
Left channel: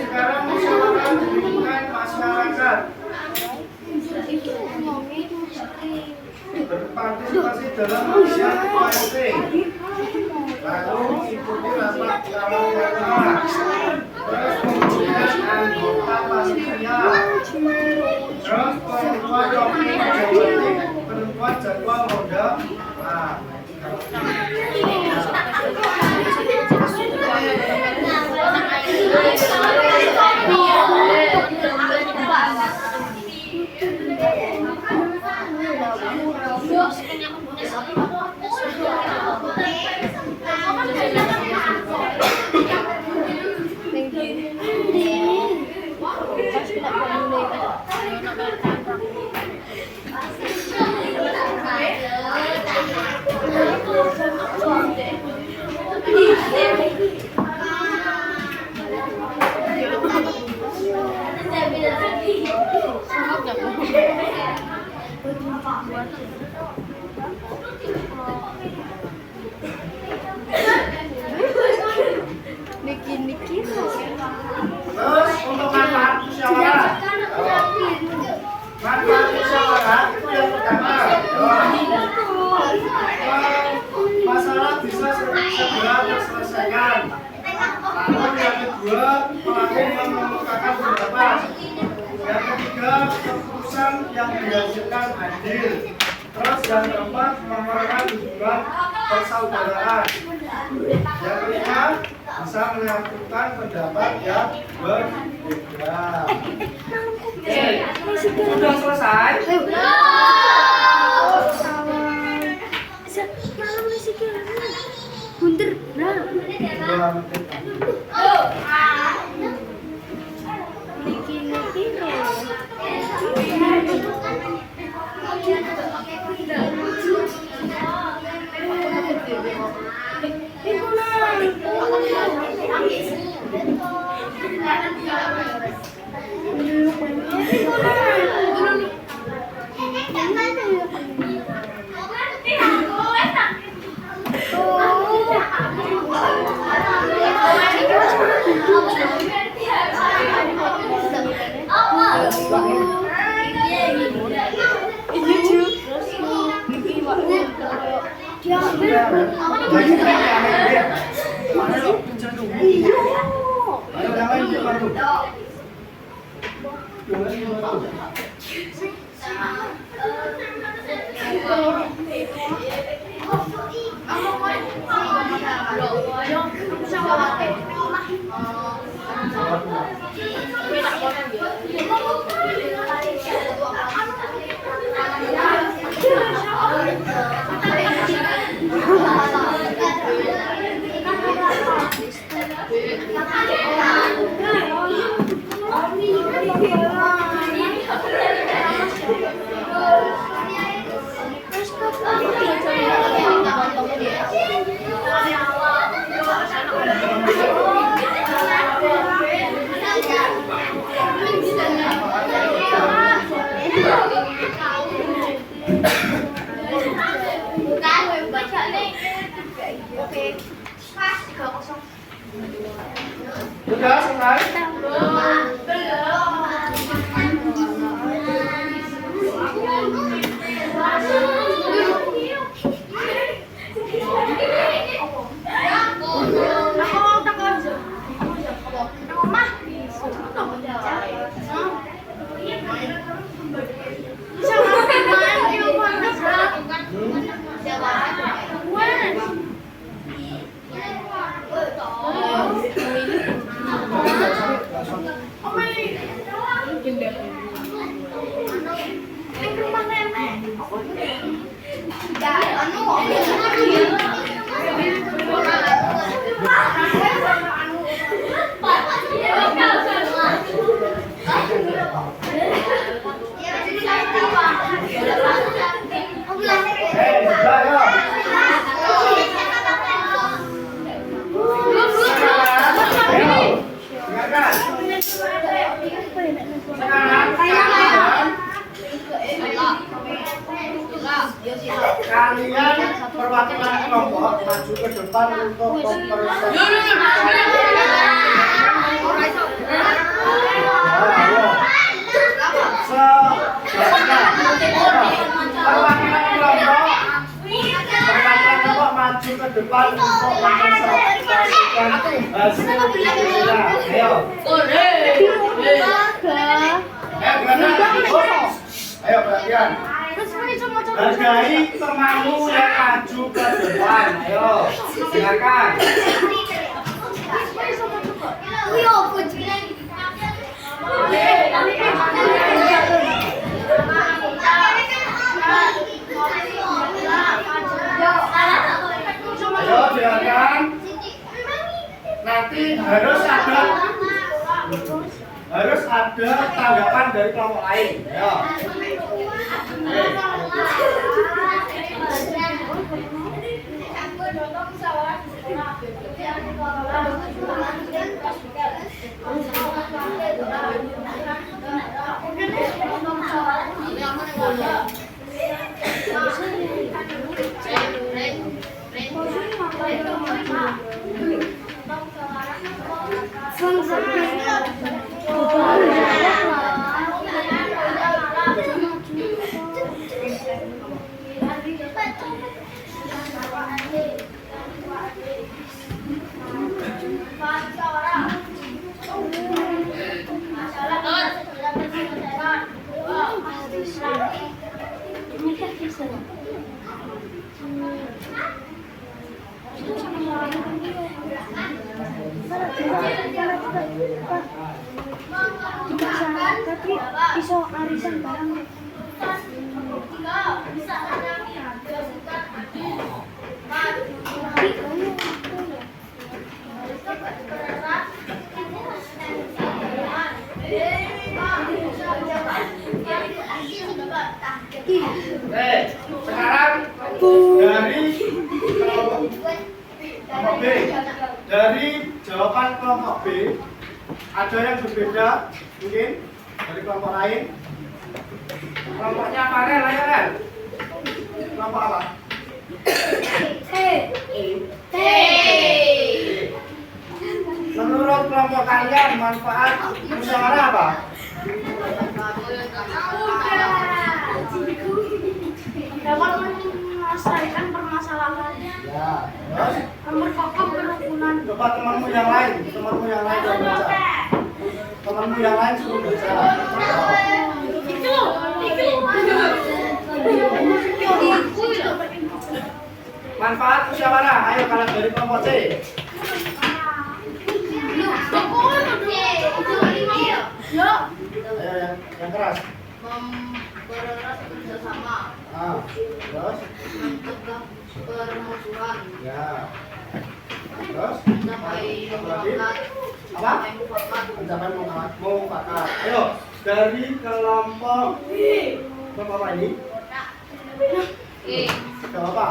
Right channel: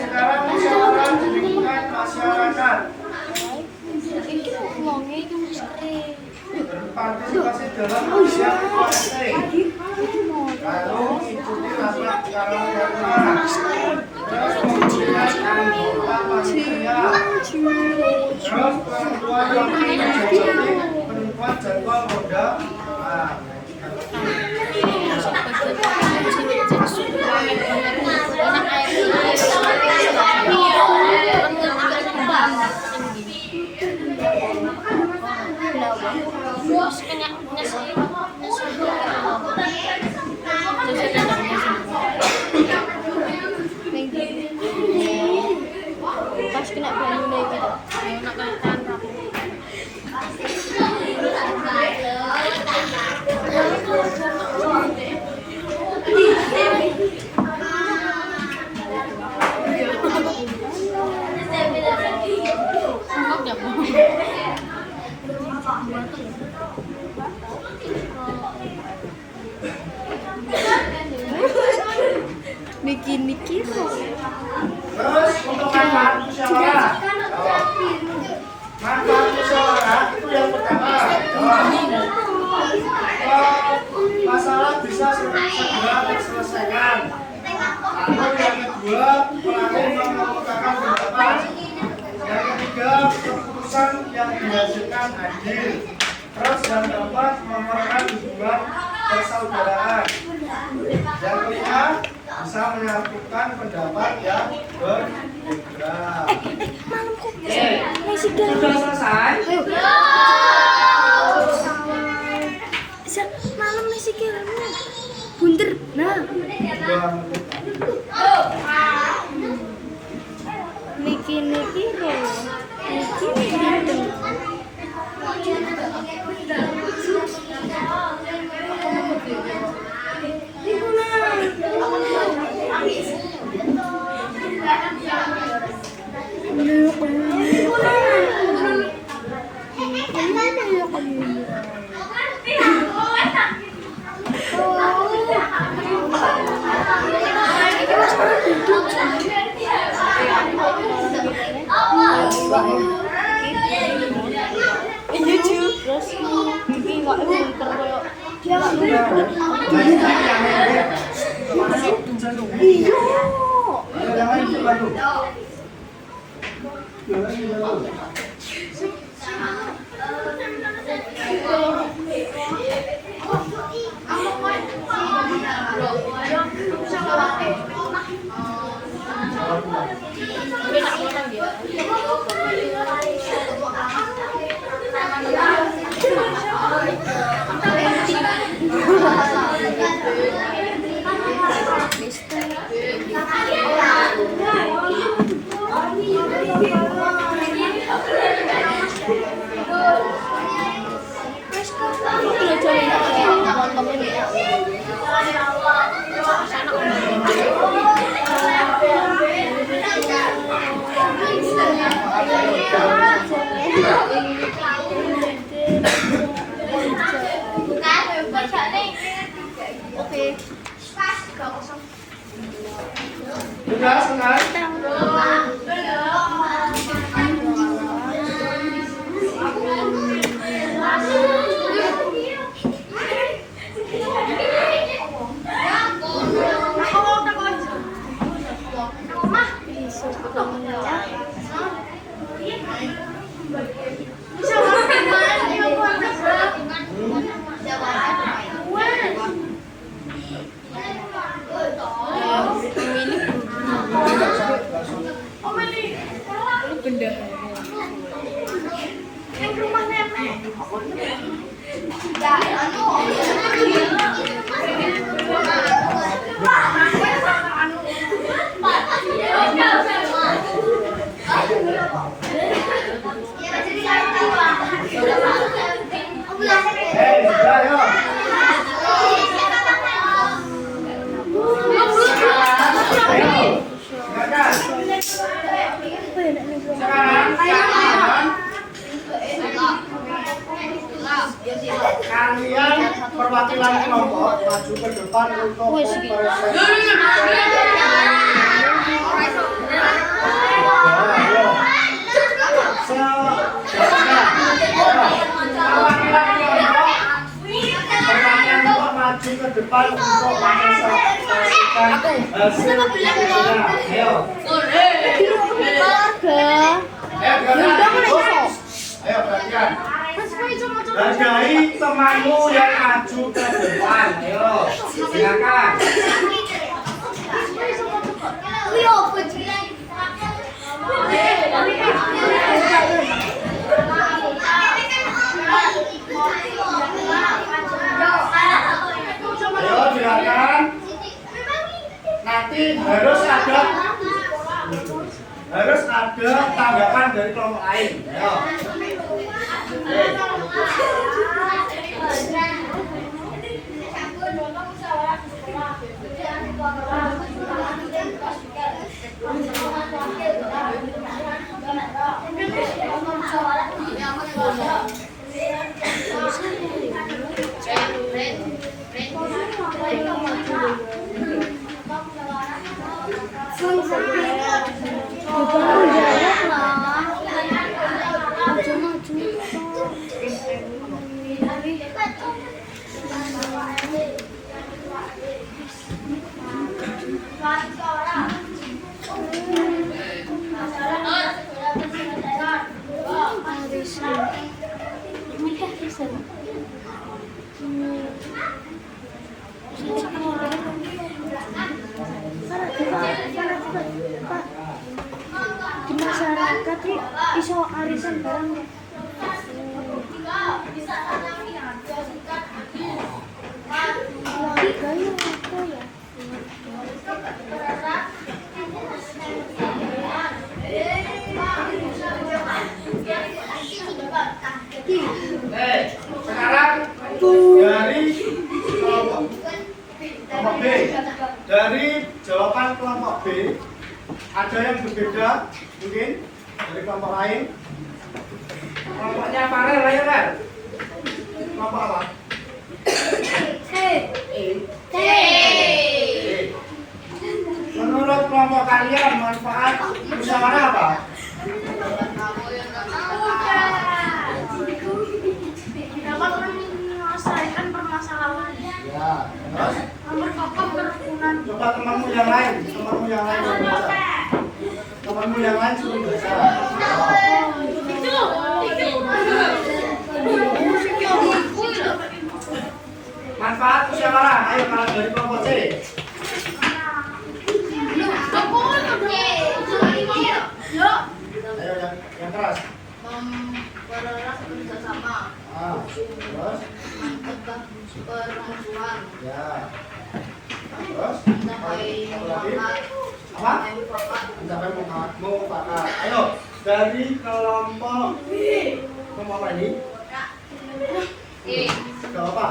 Sekarang musyawarah di lingkungan masyarakat. Berpartisipasi dalam aksi politik. Lalu ikuti rapat kalau berkenan. Terus pemilihan anggota pastinya. Terus penentuan wakil jabatan, penentuan jadwal ronda. Nah, Niki. terus untuk manfaat musyawarah. Manfaat musyawarah itu yang pertama. Masalah bisa segera terselesaikan. Lalu yang kedua, pelaku mengemukakan pendapat. Yang ketiga, keputusan yang dihasilkan adil. Terus yang keempat, memerankan hubungan persaudaraan. Yang kelima, bisa menyatukan pendapat yang berbeda. Oke, sudah selesai. Malam masih kira. Bunter. Nah. Bikin piro. Ayo yang lain bantu. Yang lain bantu. Sudah selesai? Kalian perwakilan kelompok maju ke depan untuk konferensi. Perwakilan kelompok maju ke depan untuk mempresentasikan hasil diskusinya. Ayo. Ayo perhatian. Hargai temanmu yang maju ke depan. Ayo, silakan. Ayo, silakan. Nanti harus ada tanggapan dari kelompok lain. Ayo. Di masyarakat iso arisan barang. Sekarang dari kelompok B. Dari jawaban kelompok B ada yang berbeda mungkin dari kelompok lain. Kelompoknya Farel ya kan? Kelompok apa? Menurut kelompok kalian manfaat musyawarah apa? Dapat menyelesaikan permasalahan. Ya, terus Memperkokoh kerukunan. coba temanmu yang lain yang baca. Temanmu yang lain suruh baca. Manfaat musyawarah, ayo kalian dari kelompok C. Ayo yang keras. Mempererat kerjasama, Terus mencegah permusuhan, ya. Terus mencapai lagi mufakat, apa? mencapai mufakat. Mencapai mufakat. Ayo dari kelompok apa ini? Gak apa?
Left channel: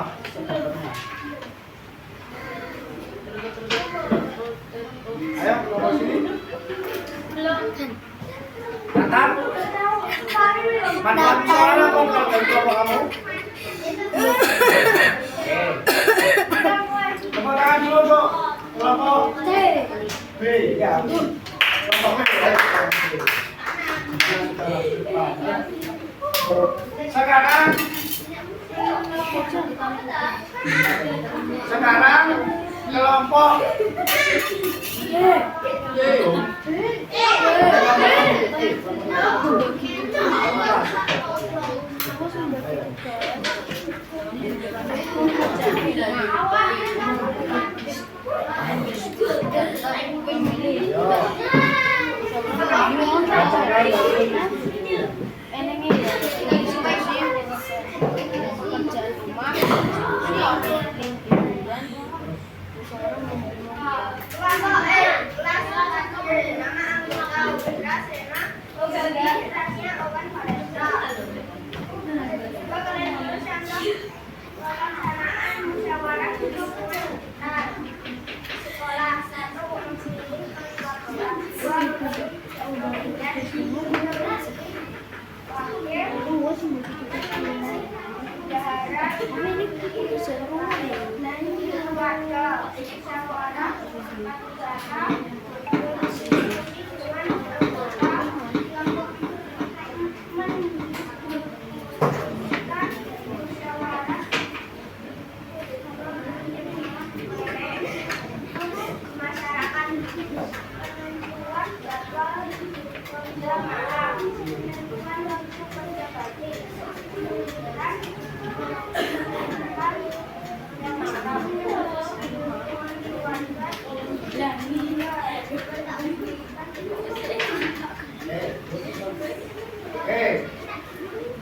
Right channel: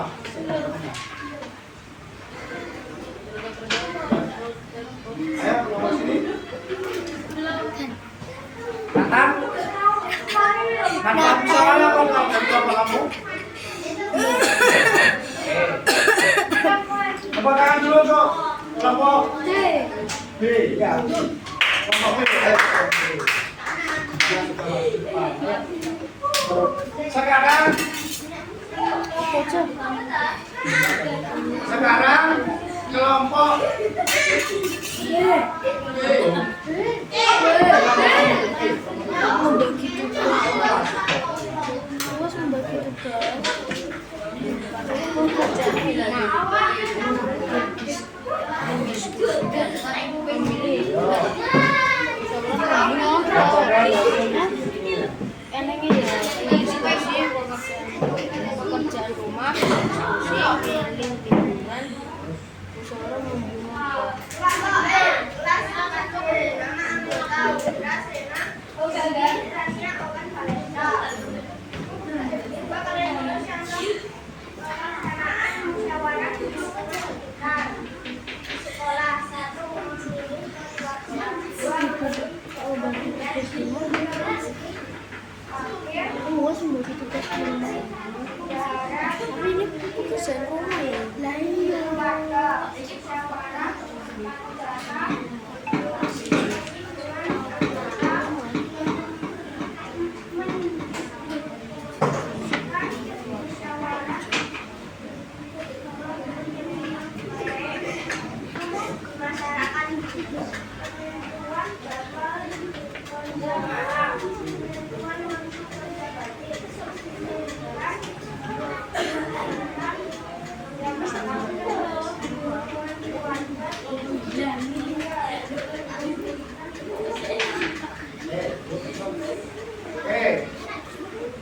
Ayo kelompok sini. Nathan. Manfaat musyawarah apa kalau dari kelompok kamu? Coba tangan dulu kok. Kelompok B, ya. Kelompok B, ayo kelompok B. Yang kita lanjutkan, ya. Sekarang kelompok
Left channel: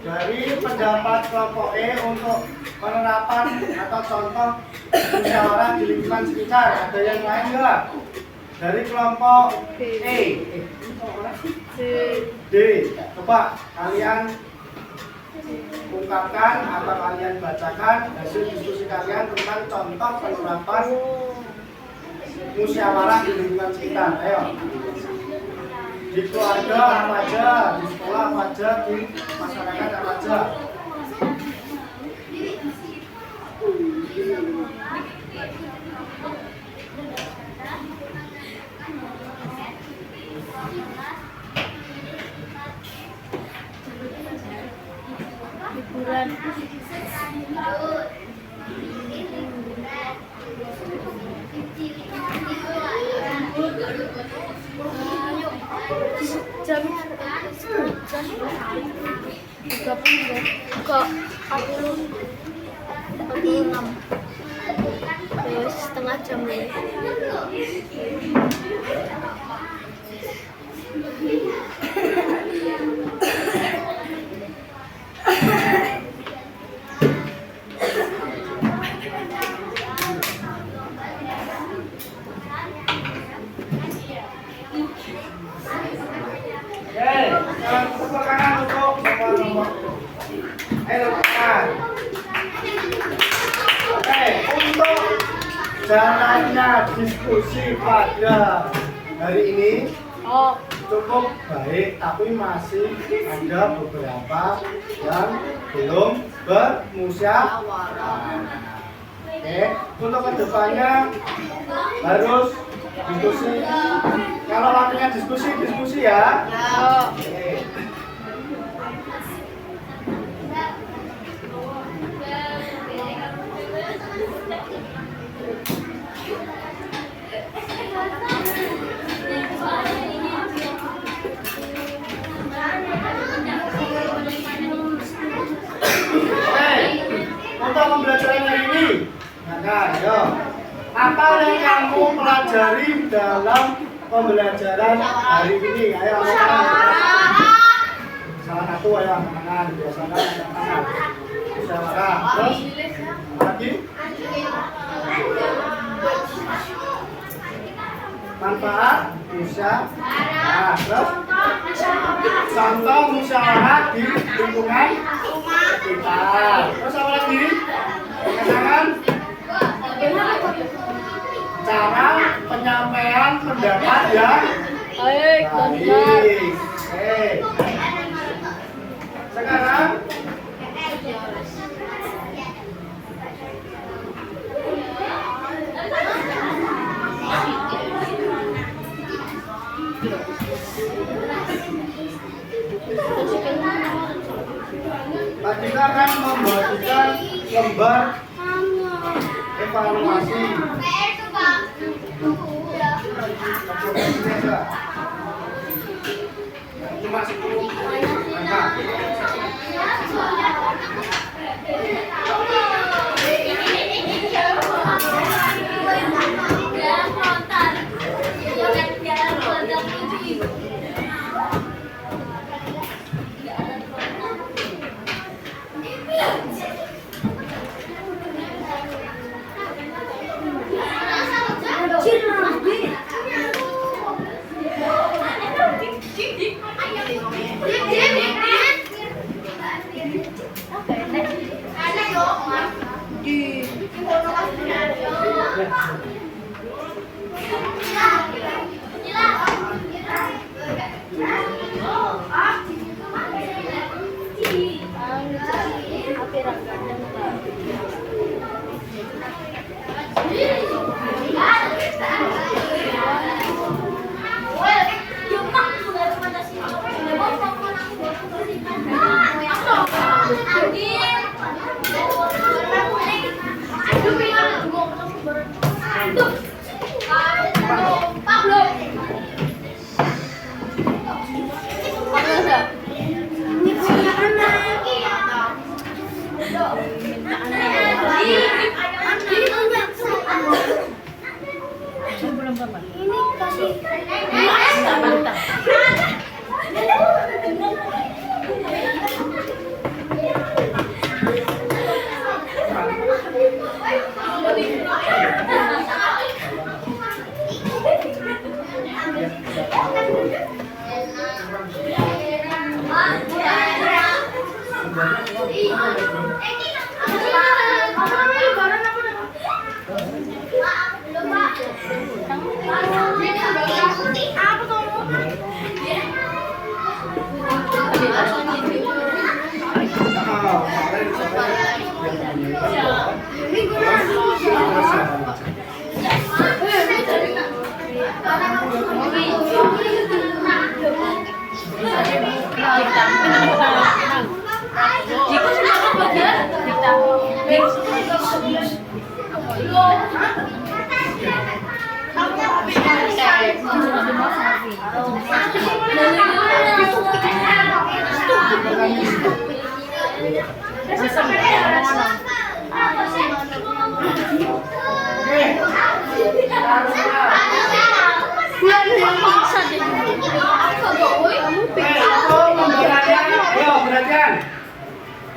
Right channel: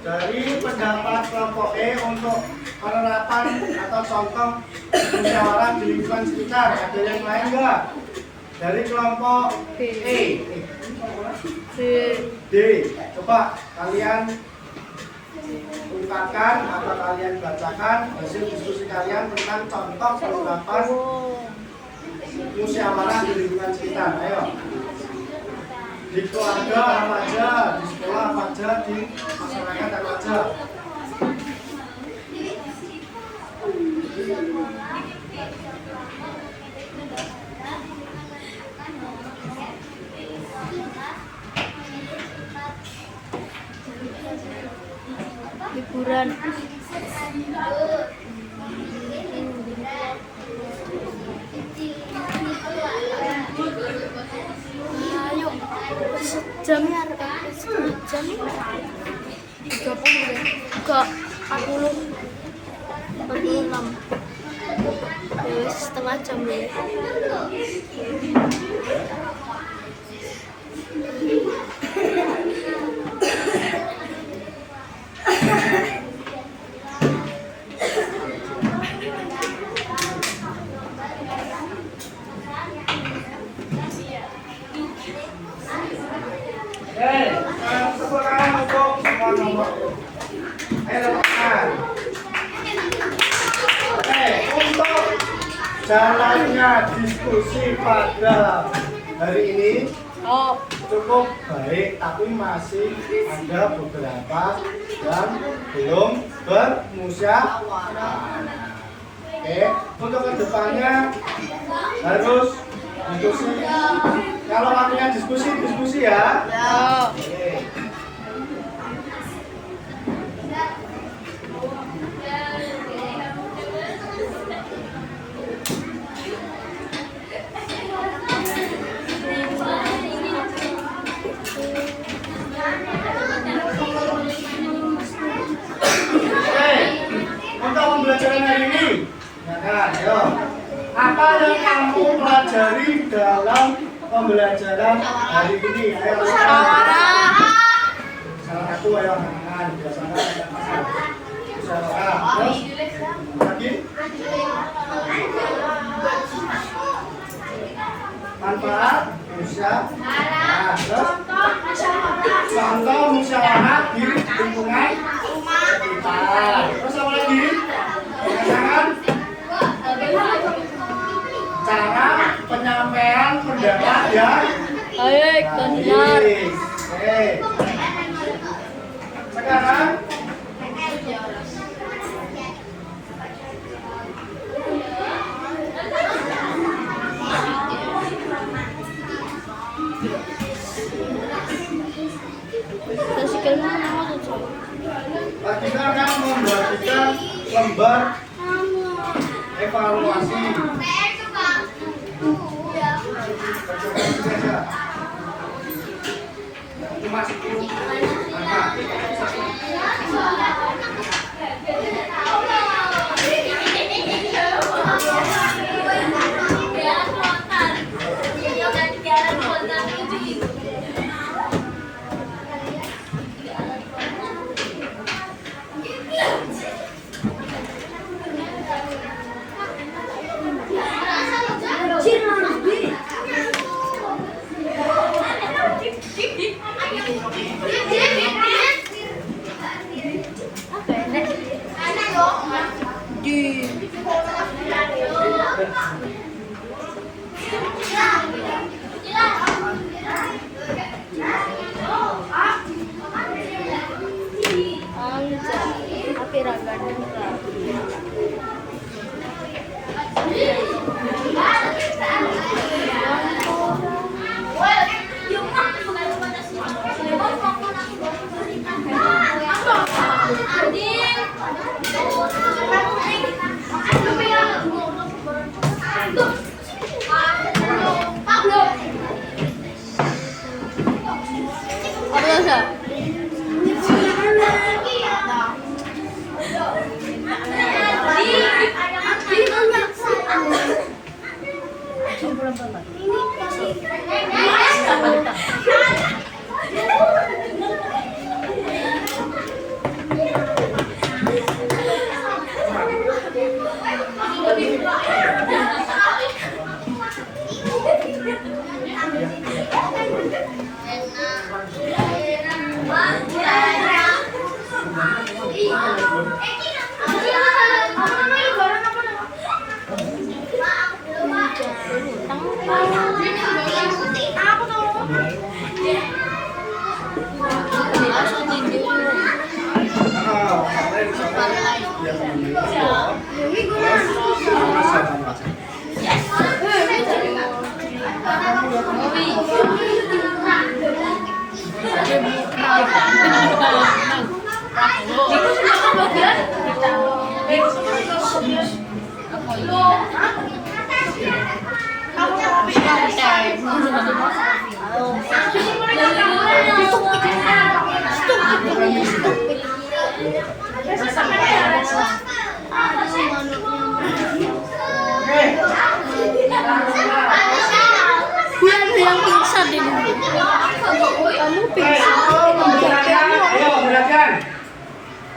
dari pendapat kelompok E untuk penerapan atau contoh musyawarah di lingkungan sekitar, ada yang lain enggak? Dari kelompok E, D, coba kalian ungkapkan atau kalian bacakan hasil diskusi kalian tentang contoh penerapan musyawarah di lingkungan sekitar. Ayo. Di keluarga apa aja, di sekolah apa aja, di masyarakat apa aja. Liburan. Jamnya ada jamnya 30 ya ke 46 terus setengah jam ya. Tepuk tangan untuk semua kelompok. Ayo lakukan. Oke, untuk jalannya diskusi pada hari ini cukup baik, tapi masih ada beberapa yang belum bermusyawarah. Oke, untuk kedepannya harus diskusi. Kalau waktunya diskusi ya. Oke. Untuk pembelajaran hari ini, nah, ayo. Apa yang kamu pelajari dalam pembelajaran hari ini? Ayo lakukan. Salah satu, ayo tangan, biasakan tangan. Musyawarah. Terus lagi. Manfaat musyawarah. Terus contoh musyawarah di lingkungan sekitar. Terus apa lagi? Pengenangan cara penyampaian pendapat yang baik. Oke. Sekarang kita akan membagikan lembar evaluasi. Cuma 10 angka.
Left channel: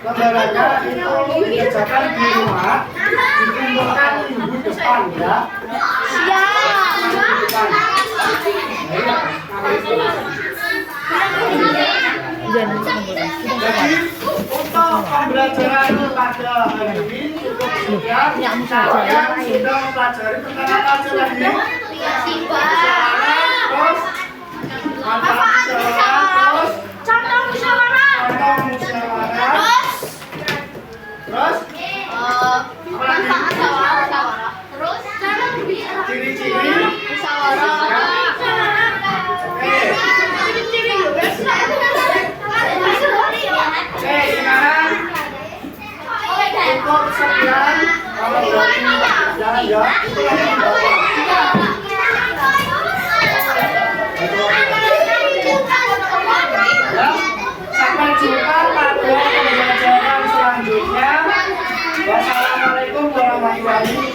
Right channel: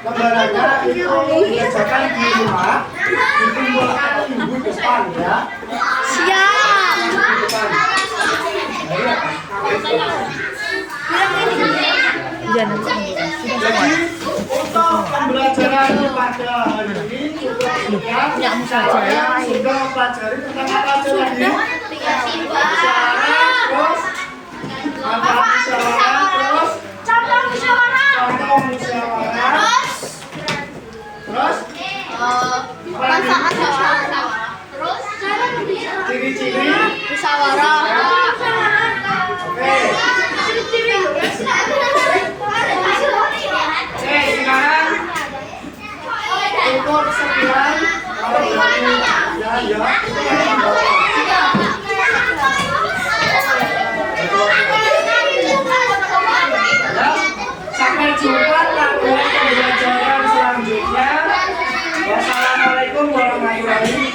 Lembarannya itu dikerjakan di rumah, dikumpulkan minggu depan ya. Siap. Minggu depan. Jangan Jadi untuk pembelajaran pada hari ini cukup sekian. Punya saja yang lain. Sudah mempelajari tentang apa aja lagi? Musyawarah, terus ada musyawarah, terus contoh musyawarah, terus apa lagi? Ciri-ciri Musyawarah. Oke, sekarang cukup sekian. Kalau dari ya. Sampai jumpa pada pembelajaran selanjutnya. Wassalamualaikum warahmatullahi wabarakatuh.